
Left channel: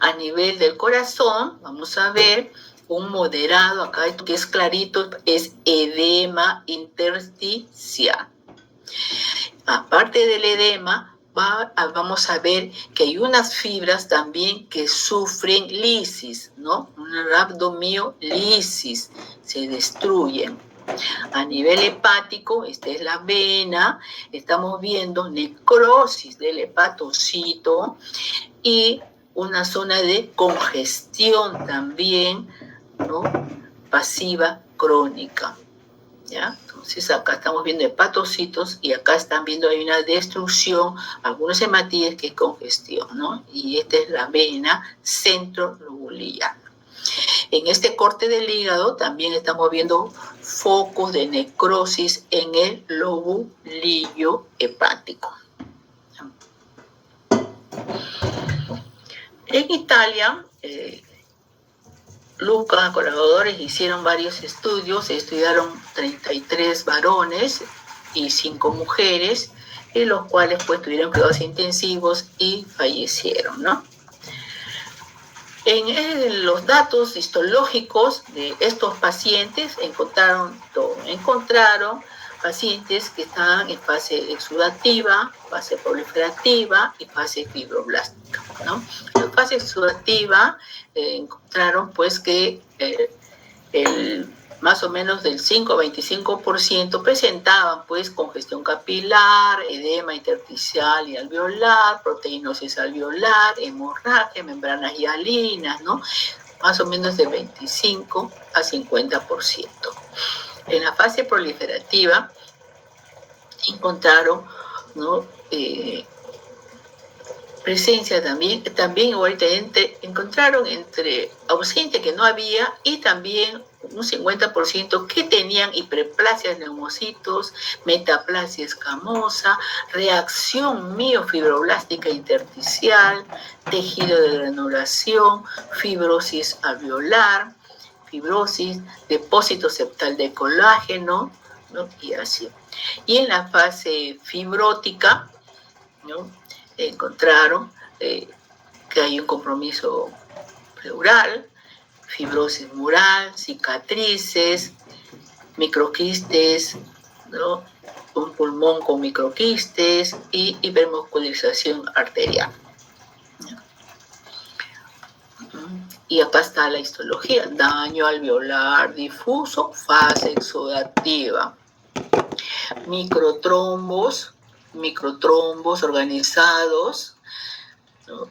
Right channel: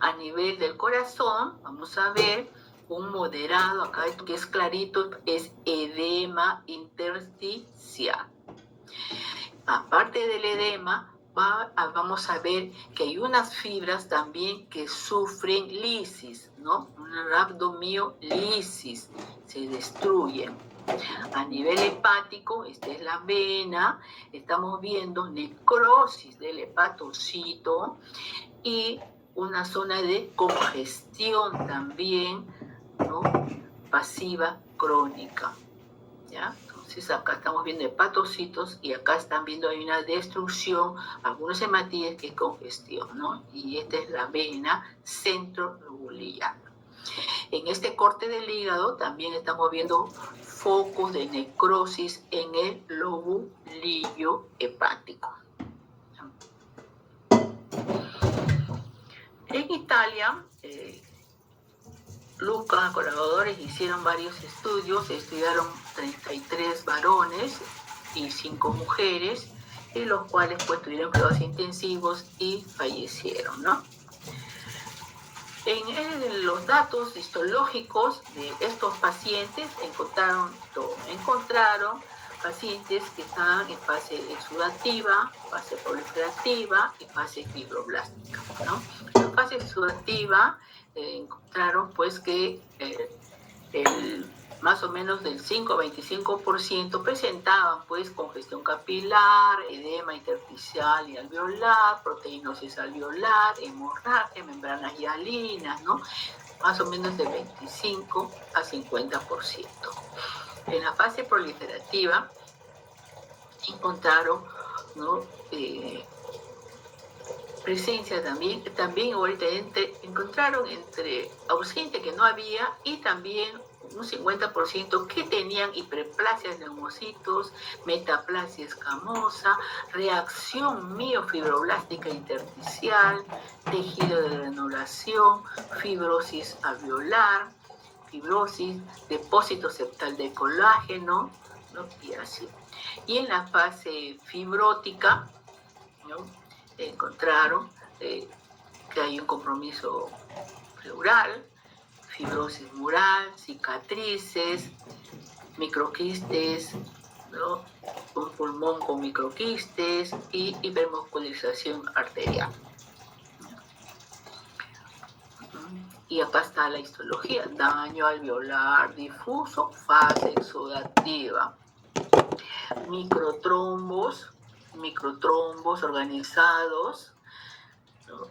A nivel del corazón, vamos a ver un moderado, acá que es clarito, es edema intersticial. Aparte del edema, vamos a ver que hay unas fibras también que sufren lisis, ¿no? Una rhabdomiolisis, se destruyen. A nivel hepático, esta es la vena, estamos viendo necrosis del hepatocito y una zona de congestión también, ¿no? Pasiva crónica, ¿ya? Entonces acá estamos viendo hepatocitos y acá están viendo hay una destrucción, algunos hematíes que es congestión, ¿no? Y esta es la vena centrolobular. En este corte del hígado también estamos viendo focos de necrosis en el lobulillo hepático. En Italia, Luca, colaboradores, hicieron varios estudios, estudiaron 33 varones y 5 mujeres, en los cuales pues tuvieron cuidados intensivos y fallecieron, ¿no? En los datos histológicos de estos pacientes encontraron pacientes que estaban en fase exudativa, fase proliferativa y fase fibroblástica, ¿no? En fase exudativa encontraron pues que más o menos del 5 a 25% presentaban pues congestión capilar, edema intersticial y alveolar, proteinosis alveolar, hemorragia, membranas hialinas, ¿no? Más o menos de 25 a 50%. En la fase proliferativa encontraron, ¿no? Presencia también ahorita encontraron entre ausente que no había y también un 50% que tenían hiperplasia de neumocitos, metaplasia escamosa, reacción miofibroblástica intersticial, tejido de granulación, fibrosis alveolar, fibrosis, depósito septal de colágeno, ¿no? Y así. Y en la fase fibrótica, ¿no? Encontraron que hay un compromiso pleural, fibrosis mural, cicatrices, microquistes, ¿no? un pulmón con microquistes y hipermuscularización arterial. Y acá está la histología: daño alveolar difuso, fase exudativa, microtrombos organizados, ¿no?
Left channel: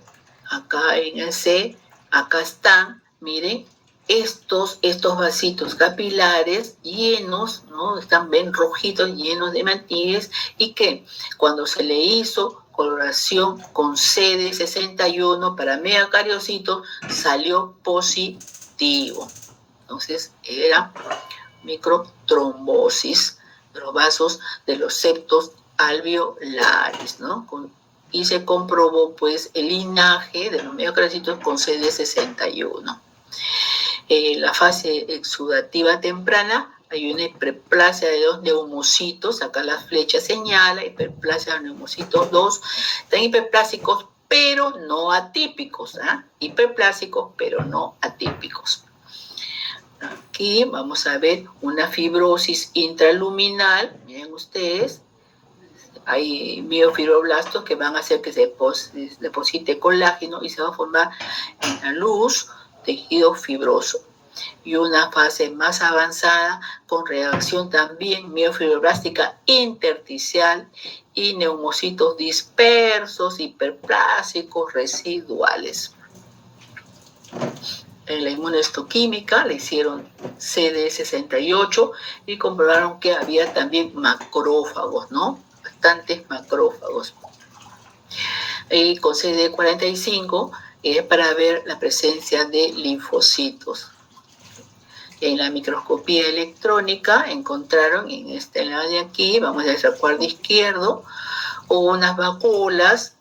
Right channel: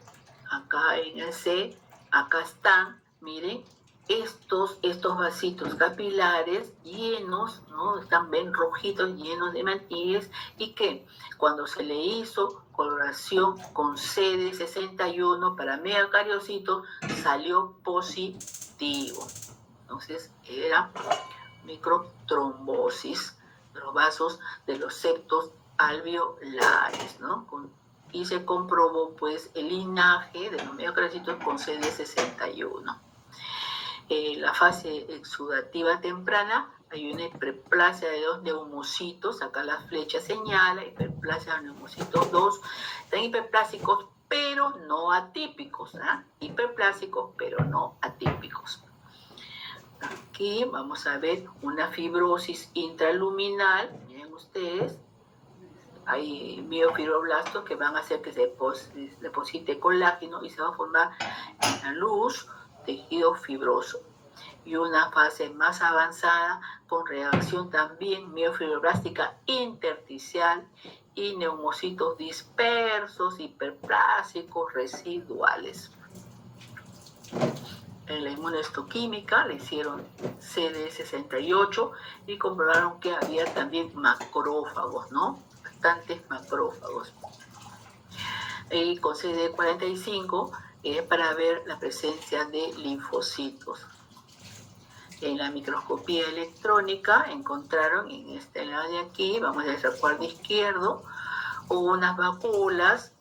Acá en el C, acá están, miren, estos vasitos capilares llenos, ¿no? Están bien rojitos, llenos de hematíes, y que cuando se le hizo coloración con CD61 para megacariocitos, salió positivo. Entonces era microtrombosis de los vasos de los septos alveolares, ¿no? Y se comprobó pues el linaje de los megacariocitos con CD61. La fase exudativa temprana, hay una hiperplasia de los neumocitos, acá la flecha señala, hiperplasia de neumocitos 2, están hiperplásicos pero no atípicos, ¿eh? Hiperplásicos pero no atípicos. Aquí vamos a ver una fibrosis intraluminal, miren ustedes, hay miofibroblastos que van a hacer que se deposite colágeno y se va a formar en la luz tejido fibroso. Y una fase más avanzada con reacción también miofibroblástica intersticial y neumocitos dispersos, hiperplásicos, residuales. En la inmunohistoquímica le hicieron CD68 y comprobaron que había también macrófagos, ¿no? Bastantes macrófagos. Y con CD45 es para ver la presencia de linfocitos. En la microscopía electrónica encontraron en este lado de aquí, vamos a hacer recuadro izquierdo, unas vacuolas,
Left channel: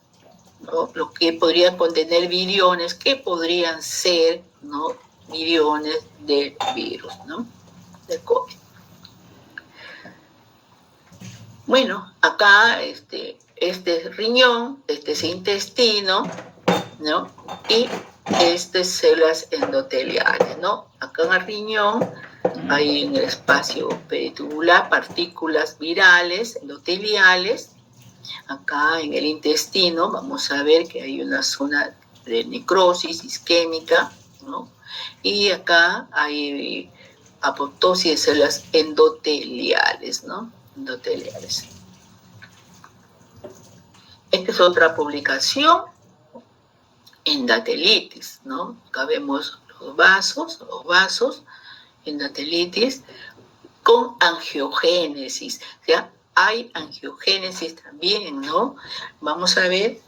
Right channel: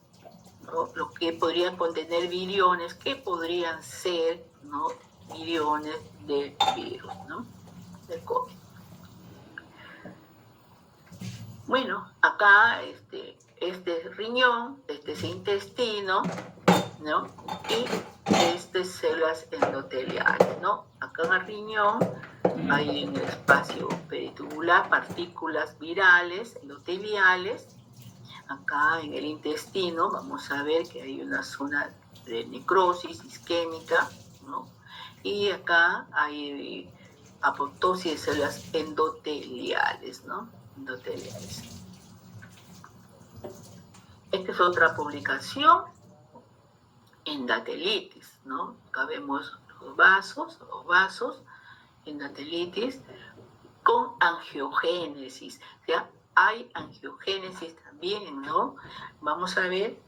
¿no? Lo que podrían contener viriones, que podrían ser, ¿no? Viriones del virus, ¿no? Del COVID. Bueno, acá este riñón, este es intestino, ¿no? Y células endoteliales, ¿no? Acá en el riñón hay en el espacio peritubular partículas virales endoteliales. Acá en el intestino vamos a ver que hay una zona de necrosis isquémica, ¿no? Y acá hay apoptosis de células endoteliales, ¿no? Endoteliales. Esta es otra publicación, endatelitis, ¿no? Acá vemos los vasos, endatelitis con angiogénesis, o sea, hay angiogénesis también, ¿no? Vamos a ver,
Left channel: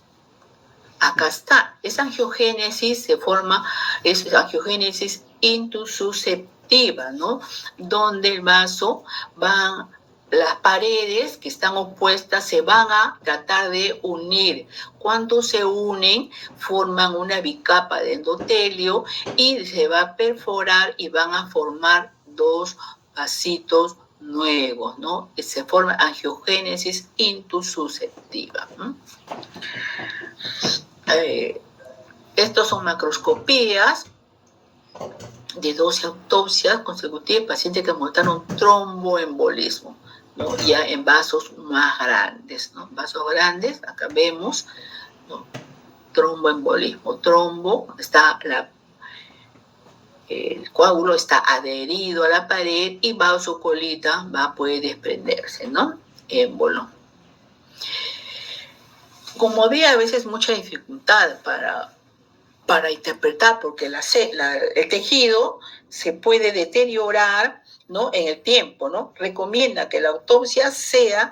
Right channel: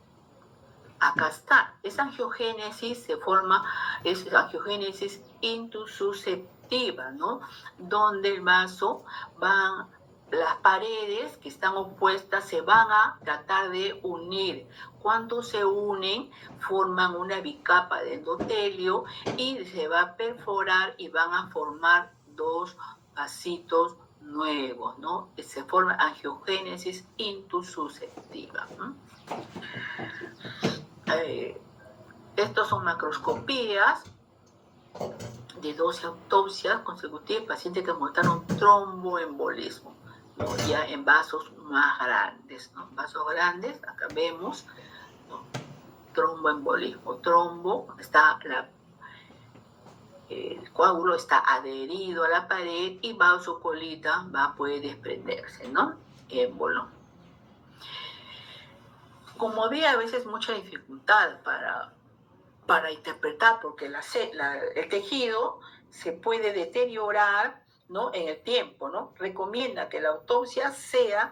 acá está, esa angiogénesis se forma, es angiogénesis intususceptiva, ¿no? Donde el vaso va, las paredes que están opuestas se van a tratar de unir. Cuando se unen, forman una bicapa de endotelio y se va a perforar y van a formar dos vasitos nuevos, ¿no? Se forma angiogénesis intususceptiva. Estos son macroscopías de 12 autopsias consecutivas, pacientes que mostraron tromboembolismo, ¿no? Ya en vasos más grandes, ¿no? Vasos grandes, acá vemos, ¿no? Tromboembolismo. Trombo, está el coágulo está adherido a la pared y vasocolita puede desprenderse, ¿no? Émbolo. Como había a veces mucha dificultad para interpretar, porque el tejido se puede deteriorar, ¿no? En el tiempo, ¿no? Recomienda que la autopsia sea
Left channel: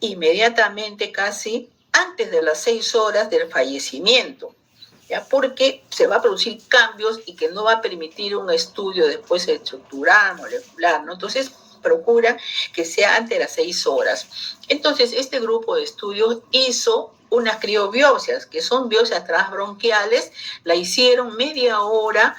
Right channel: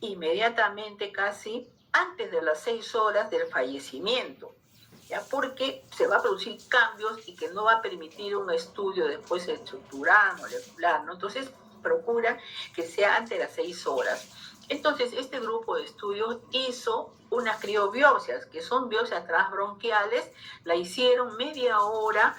inmediatamente, casi antes de las 6 horas del fallecimiento, ¿ya? Porque se va a producir cambios y que no va a permitir un estudio después estructural, molecular, ¿no? Entonces, procura que sea antes de las 6 horas. Entonces, este grupo de estudios hizo unas criobiopsias, que son biopsias transbronquiales, la hicieron media hora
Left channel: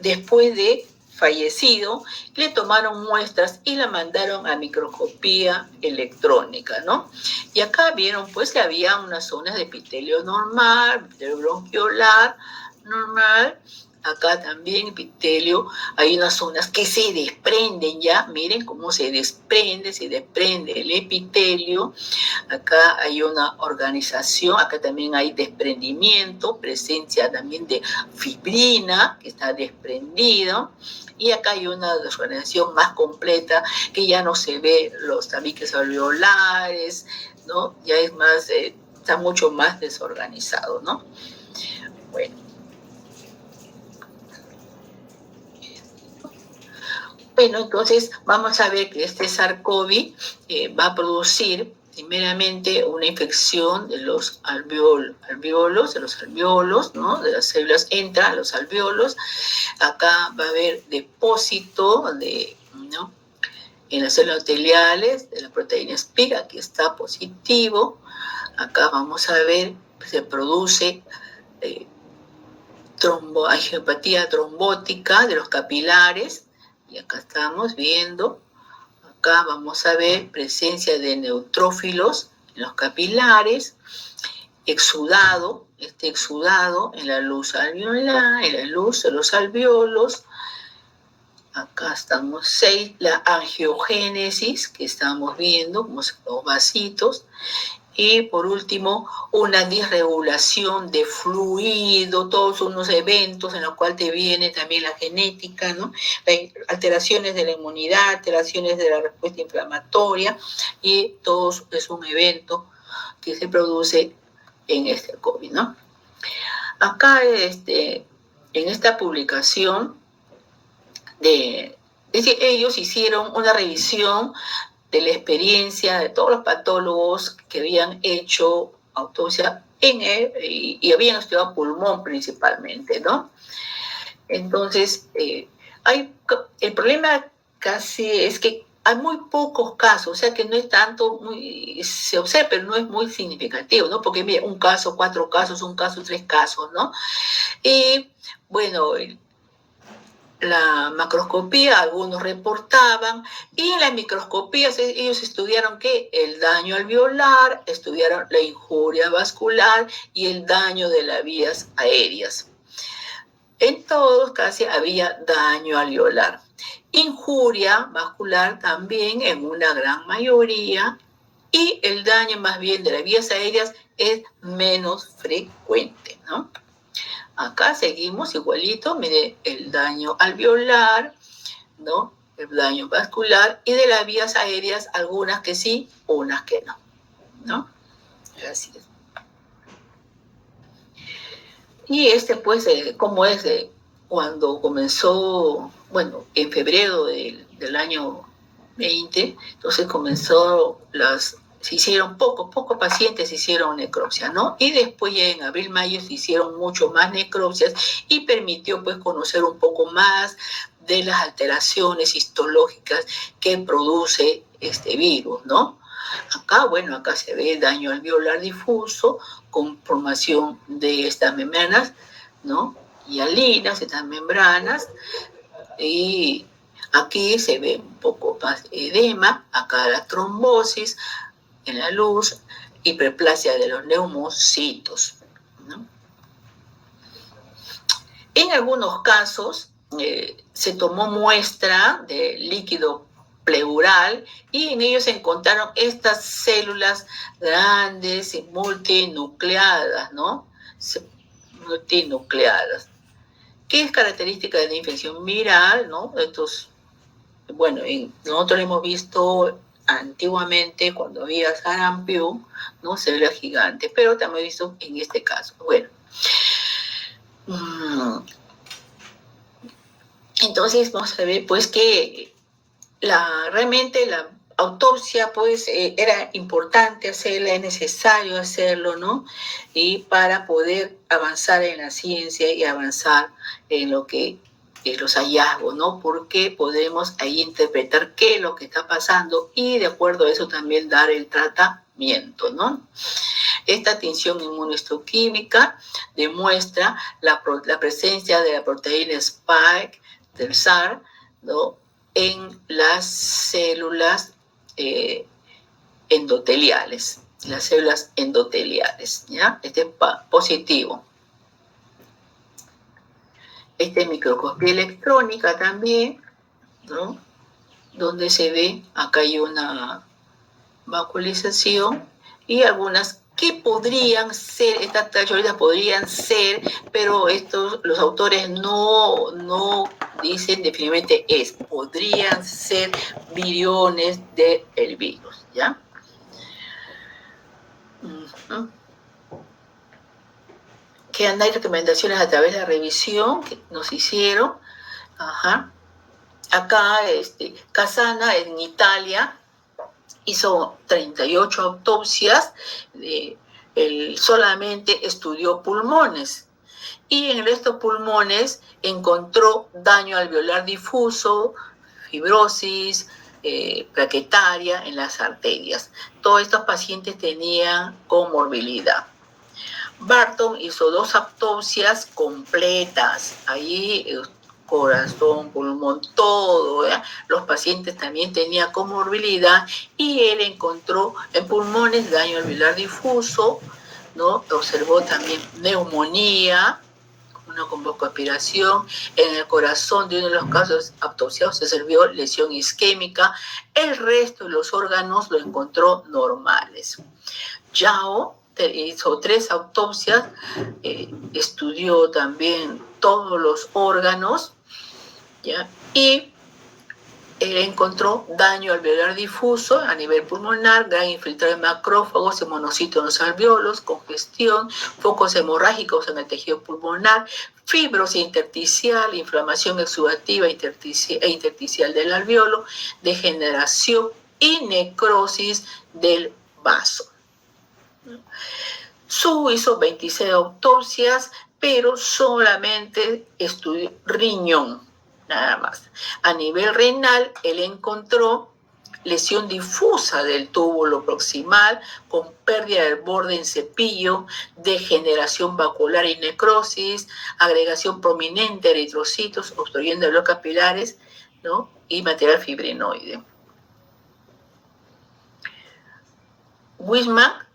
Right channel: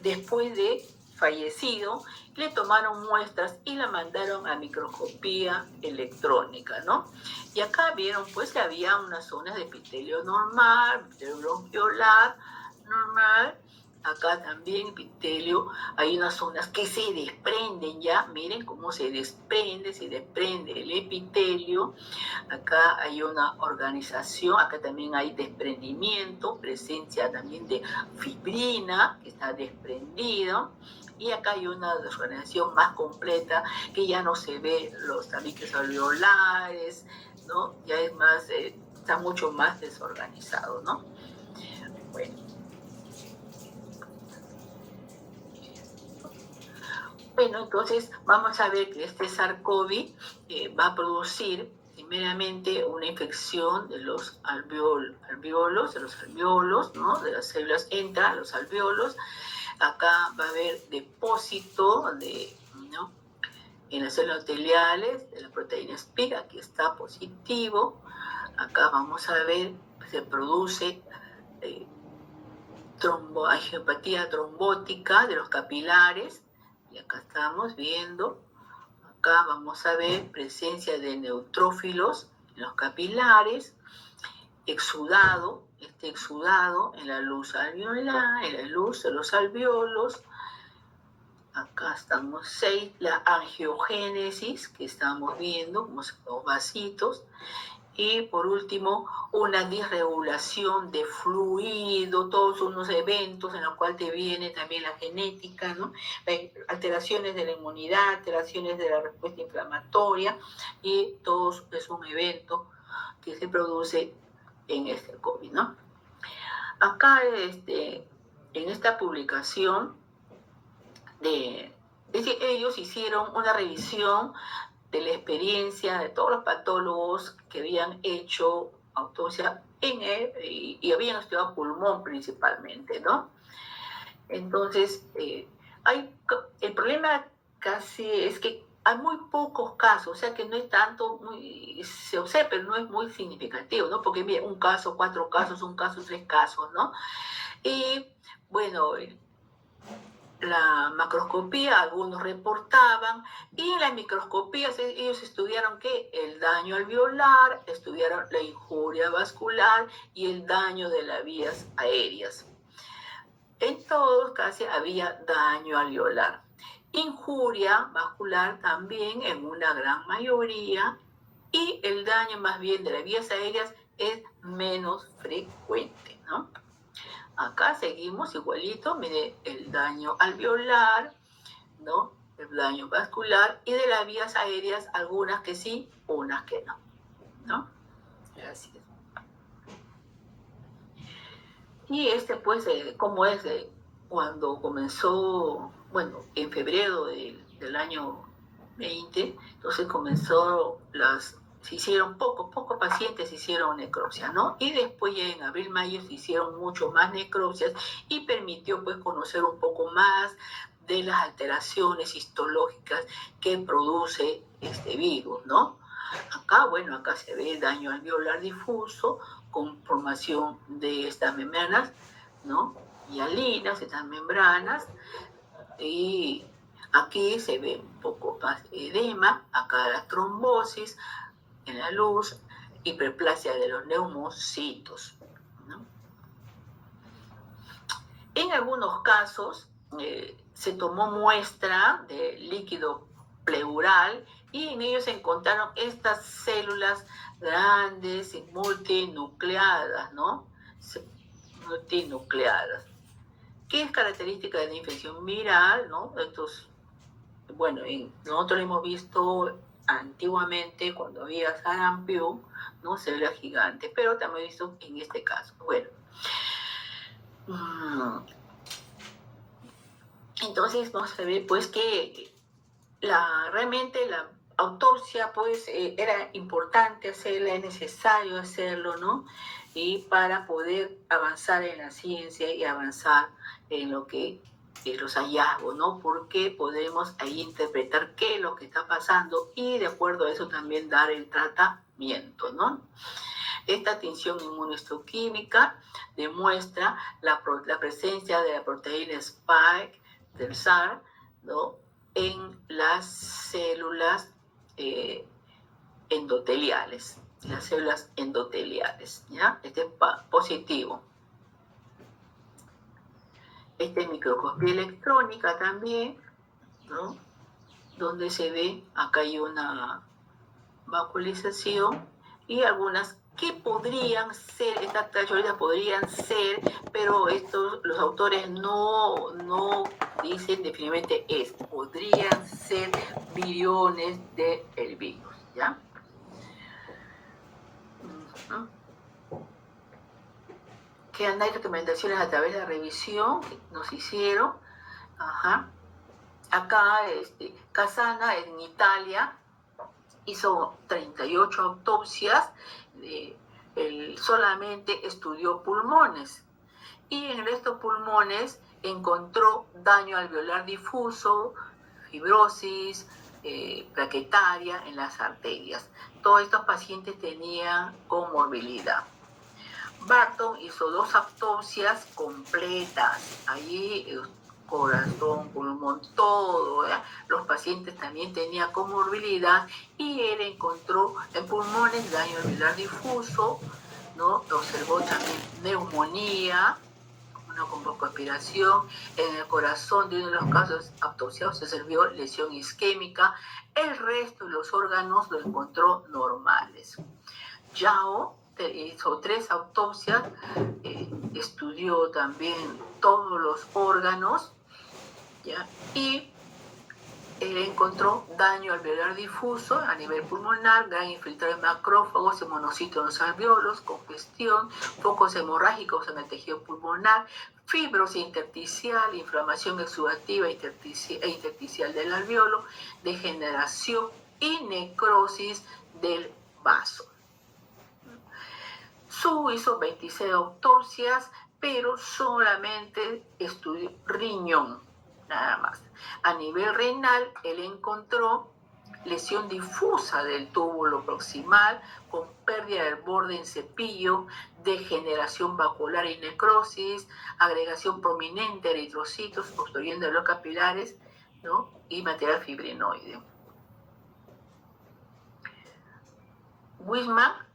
después de fallecido, le tomaron muestras y la mandaron a microscopía electrónica, ¿no? Y acá vieron pues que había unas zonas de epitelio normal, epitelio bronquiolar normal, Acá también epitelio, hay unas zonas que se desprenden ya, miren cómo se desprende el epitelio. Acá hay una organización, acá también hay desprendimiento, presencia también de fibrina que está desprendida. Y acá hay una desorganización más completa que ya no se ve los tabiques alveolares, ¿no? Ya es más, está mucho más desorganizado, ¿no? Bueno. Bueno, entonces vamos a ver que este SARS-CoV va a producir primeramente una infección de los alveolos, ¿no? De las células entra a los alveolos. Acá va a haber depósito ¿no? En las células endoteliales de la proteína spike, aquí está positivo. Acá vamos a ver, se produce angiopatía trombótica de los capilares. Y acá estamos viendo, acá vamos a ver presencia de neutrófilos en los capilares, exudado, exudado en la luz alveolar, en la luz de los alveolos. Acá estamos 6, la angiogénesis que estamos viendo, como los vasitos. Y por último, una disregulación de fluido, todos unos eventos en los cuales te viene también la genética, ¿no? Alteraciones de la inmunidad, alteraciones de la respuesta inflamatoria, y todo es un evento que se produce en este COVID, ¿no? Acá, en esta publicación, es decir, ellos hicieron una revisión de la experiencia de todos los patólogos que habían hecho autopsia en él y habían estudiado pulmón principalmente, ¿no? Entonces, el problema casi es que hay muy pocos casos, o sea que no es tanto, se observa, pero no es muy significativo, ¿no? Porque mira, un caso, 4 casos, un caso, 3 casos, ¿no? Y bueno, la macroscopía, algunos reportaban, y en la microscopía ellos estudiaron que el daño alveolar, estudiaron la injuria vascular y el daño de las vías aéreas. En todos casi había daño alveolar. Injuria vascular también en una gran mayoría, y el daño más bien de las vías aéreas es menos frecuente, ¿no? Acá seguimos igualito, mire, el daño alveolar, ¿no? El daño vascular, y de las vías aéreas, algunas que sí, unas que no, ¿no? Así es. Y pues, ¿cómo es? Cuando comenzó, bueno, en febrero del año 20, entonces se hicieron pocos pacientes hicieron necropsia, ¿no? Y después ya en abril, mayo se hicieron mucho más necropsias y permitió pues conocer un poco más de las alteraciones histológicas que produce este virus, ¿no? Acá se ve daño alveolar difuso con formación de estas membranas, ¿no? Hialinas, estas membranas, y aquí se ve un poco más edema, acá la trombosis en la luz, hiperplasia de los neumocitos, ¿no? En algunos casos se tomó muestra de líquido pleural y en ellos se encontraron estas células grandes y multinucleadas, ¿no? Multinucleadas. ¿Qué es característica de la infección viral, ¿no? Bueno, nosotros lo hemos visto antiguamente cuando había sarampión, ¿no? Células gigantes, pero también visto en este caso. Bueno. Entonces vamos a ver pues que realmente la autopsia pues era importante hacerla, es necesario hacerlo, ¿no? Y para poder avanzar en la ciencia y avanzar en lo que los hallazgos, ¿no? Porque podemos ahí interpretar qué es lo que está pasando y de acuerdo a eso también dar el tratamiento, ¿no? Esta tinción inmunohistoquímica demuestra la presencia de la proteína Spike del SARS, ¿no? En las células endoteliales, ¿ya? Este es positivo. Esta es microscopía electrónica también, ¿no? Donde se ve, acá hay una vacuolización y algunas que podrían ser, estas tacholitas podrían ser, pero los autores no dicen definitivamente podrían ser viriones del virus, ¿ya? Quedan ahí recomendaciones a través de la revisión que nos hicieron. Ajá. Acá, Casana en Italia hizo 38 autopsias, él solamente estudió pulmones y en estos pulmones encontró daño alveolar difuso, fibrosis, plaquetaria en las arterias. Todos estos pacientes tenían comorbilidad. Barton hizo 2 autopsias completas. Ahí corazón, pulmón, todo. Los pacientes también tenían comorbilidad y él encontró en pulmones daño alveolar difuso, ¿no? Observó también neumonía, una con broncoaspiración. En el corazón de uno de los casos autopsiados se observó lesión isquémica. El resto de los órganos lo encontró normales. Yao hizo 3 autopsias, estudió también todos los órganos, ¿ya? Y encontró daño alveolar difuso a nivel pulmonar, gran infiltrado de macrófagos y monocitos en los alveolos, congestión, focos hemorrágicos en el tejido pulmonar, fibrosis intersticial, inflamación exudativa e intersticial del alveolo, degeneración y necrosis del vaso. Su hizo 26 autopsias, pero solamente estudió riñón, nada más. A nivel renal, él encontró lesión difusa del túbulo proximal con pérdida del borde en cepillo, degeneración vacuolar y necrosis, agregación prominente de eritrocitos obstruyendo los capilares, ¿no? Y material fibrinoide. Wisman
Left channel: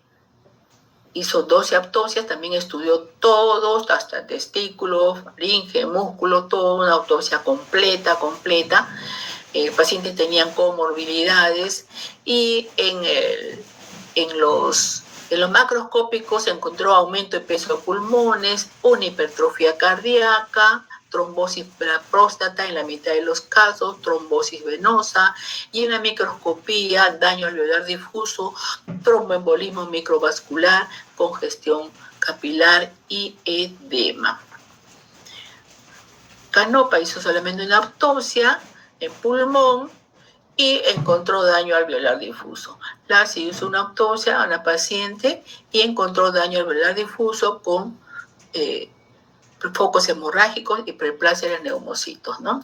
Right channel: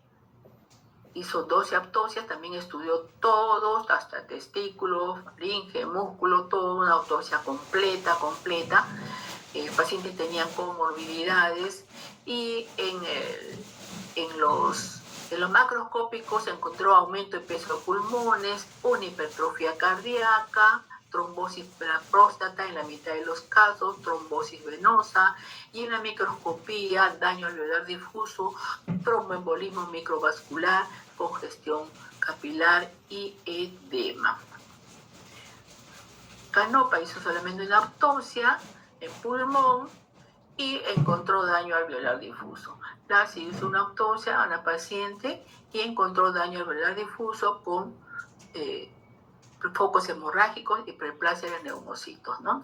hizo 12 autopsias, también estudió todos, hasta testículos, faringe, músculo, toda una autopsia completa. Pacientes tenían comorbilidades y en los macroscópicos se encontró aumento de peso de pulmones, una hipertrofia cardíaca, trombosis de la próstata en la mitad de los casos, trombosis venosa, y en la microscopía daño alveolar difuso, tromboembolismo microvascular, congestión capilar y edema. Canopa hizo solamente una autopsia en pulmón y encontró daño alveolar difuso. Lassi hizo una autopsia a una paciente y encontró daño alveolar difuso con focos hemorrágicos y preplasia de neumocitos, ¿no?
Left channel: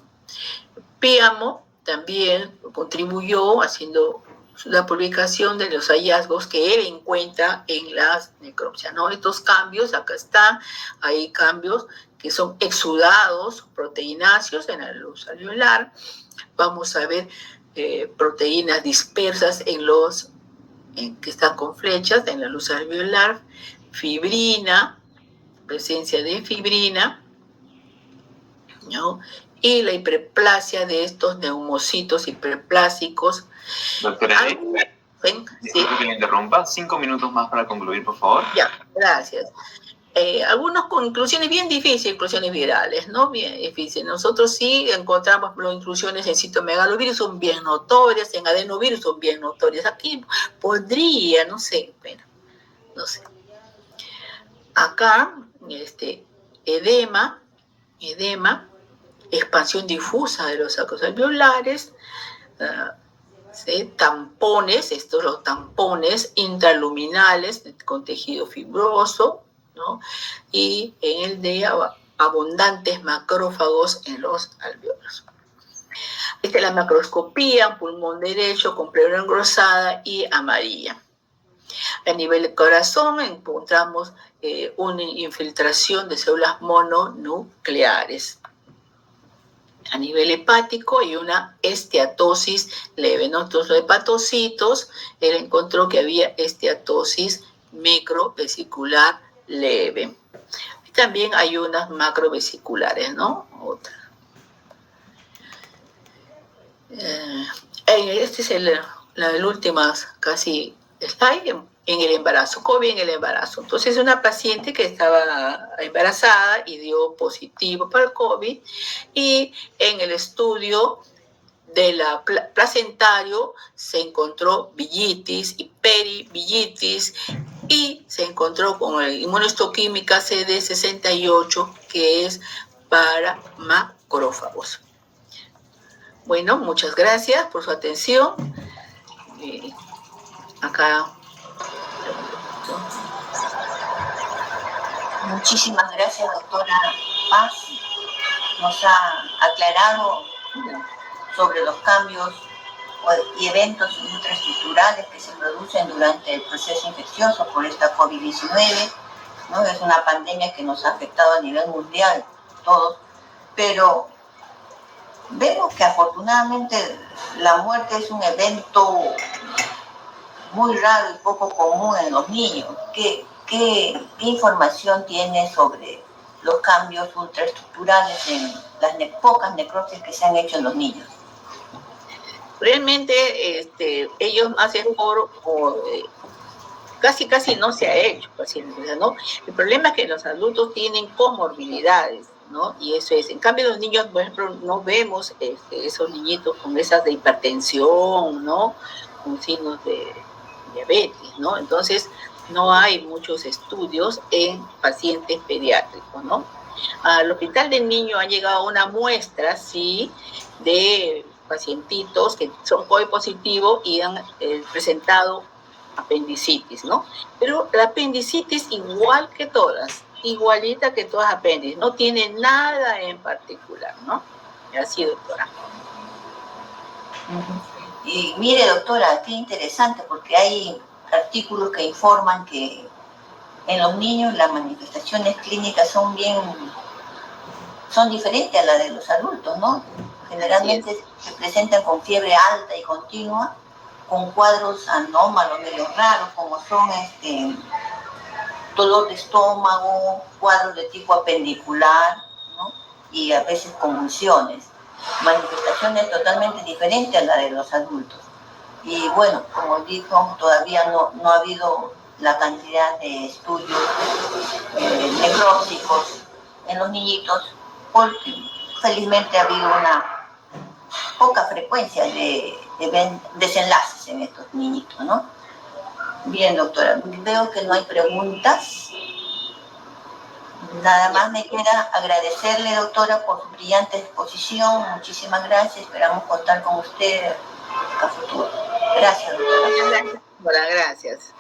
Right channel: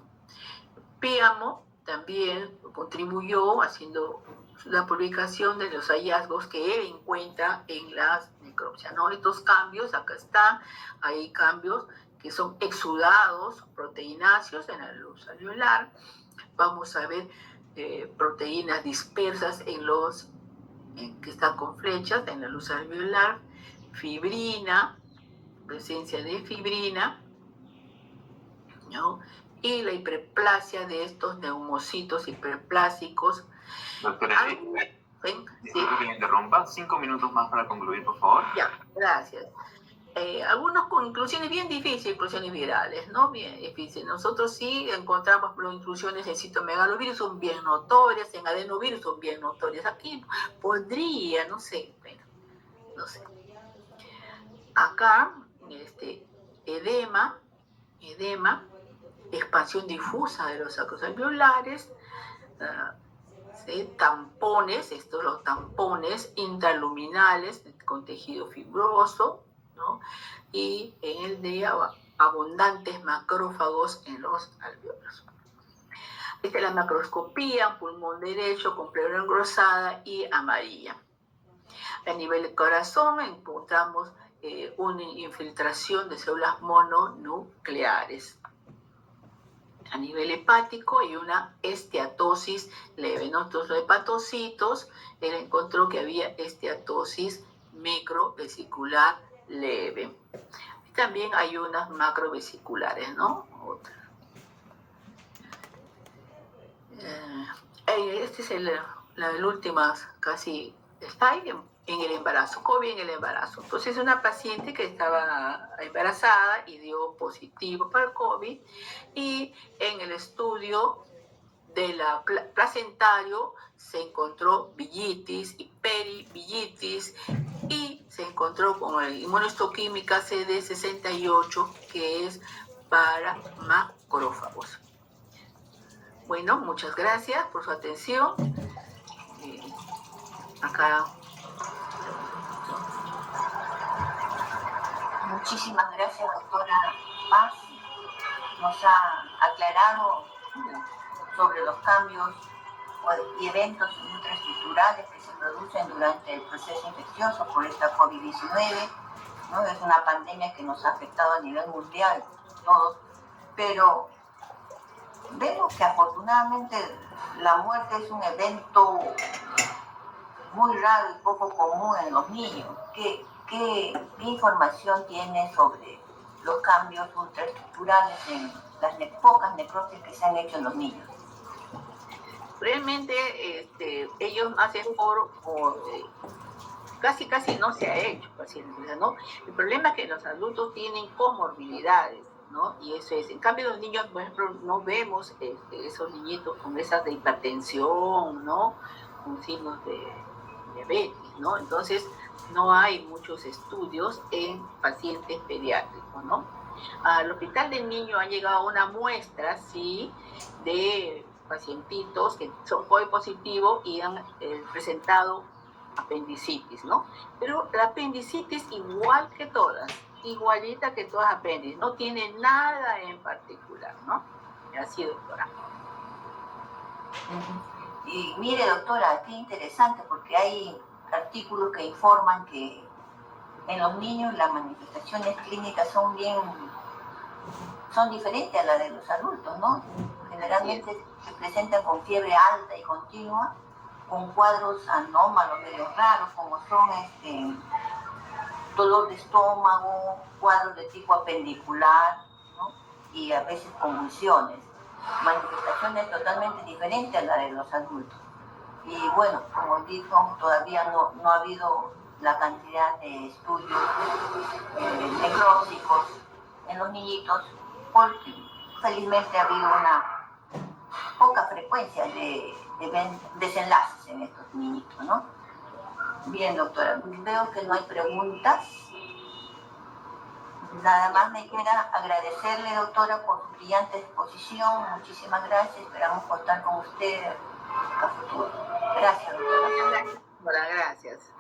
Píamo también contribuyó haciendo la publicación de los hallazgos que él encuentra en las necropsias, ¿no? Estos cambios, acá están, hay cambios que son exudados, proteináceos en la luz alveolar. Vamos a ver proteínas dispersas que están con flechas en la luz alveolar, fibrina, presencia de fibrina, ¿no? Y la hiperplasia de estos neumocitos hiperplásicos. Doctora Edith, disculpe que le interrumpa, 5 minutos más para concluir, por favor. Ya, gracias. Algunas conclusiones bien difíciles, inclusiones virales, ¿no? Bien difíciles. Nosotros sí encontramos las inclusiones en citomegalovirus, son bien notorias, en adenovirus son bien notorias. Aquí podría, no sé, bueno, no sé. Acá, edema, expansión difusa de los sacos alveolares, ¿sí? Tampones, los tampones intraluminales con tejido fibroso, ¿no? Y en el de abundantes macrófagos en los alveolos. Esta es la macroscopía, pulmón derecho con pleura engrosada y amarilla. A nivel del corazón encontramos una infiltración de células mononucleares. A nivel hepático hay una esteatosis leve, ¿no? Entonces, los hepatocitos, él encontró que había esteatosis microvesicular leve. Y también hay unas macrovesiculares, ¿no? otra. Este es el último, casi slide, en el embarazo, COVID en el embarazo. Entonces, una paciente que estaba embarazada y dio positivo para el COVID, y en el estudio de la placentario se encontró villitis y perivillitis, y se encontró con la inmunohistoquímica CD68, que es para macrófagos. Bueno, muchas gracias por su atención. Acá. Muchísimas gracias, doctora Paz. Nos ha aclarado sobre los cambios y eventos intraestructurales que se producen durante el proceso infeccioso por esta COVID-19, ¿no? Es una pandemia que nos ha afectado a nivel mundial, todos, pero vemos que afortunadamente la muerte es un evento muy raro y poco común en los niños. ¿Qué información tiene sobre los cambios ultraestructurales en las pocas necropsias que se han hecho en los niños? Realmente ellos hacen casi no se ha hecho, ¿no? El problema es que los adultos tienen comorbilidades, ¿no? Y eso es. En cambio, los niños, por ejemplo, no vemos esos niñitos con esas de hipertensión, ¿no? Con signos de diabetes, ¿no? Entonces, no hay muchos estudios en pacientes pediátricos, ¿no? Al hospital del niño ha llegado una muestra, sí, de pacientitos que son COVID positivos y han presentado apendicitis, ¿no? Pero la apendicitis igual que todas, igualita que todas apéndices, no tiene nada en particular, ¿no? Así, doctora. Y mire, doctora, qué interesante, porque hay artículos que informan que en los niños las manifestaciones clínicas son diferentes a las de los adultos, ¿no? Generalmente se presentan con fiebre alta y continua, con cuadros anómalos, medio raros, como son dolor de estómago, cuadros de tipo apendicular, ¿no? Y a veces convulsiones. Manifestaciones totalmente diferentes a las de los adultos. Y bueno, como dijo, todavía no ha habido la cantidad de estudios necróticos en los niñitos, porque felizmente ha habido una poca frecuencia de desenlaces en estos niñitos, ¿no? Bien, doctora, veo que no hay preguntas. Nada más me queda agradecerle, doctora, por su brillante exposición. Muchísimas gracias. Esperamos contar con usted a futuro. Gracias, doctora. Gracias. Hola, gracias.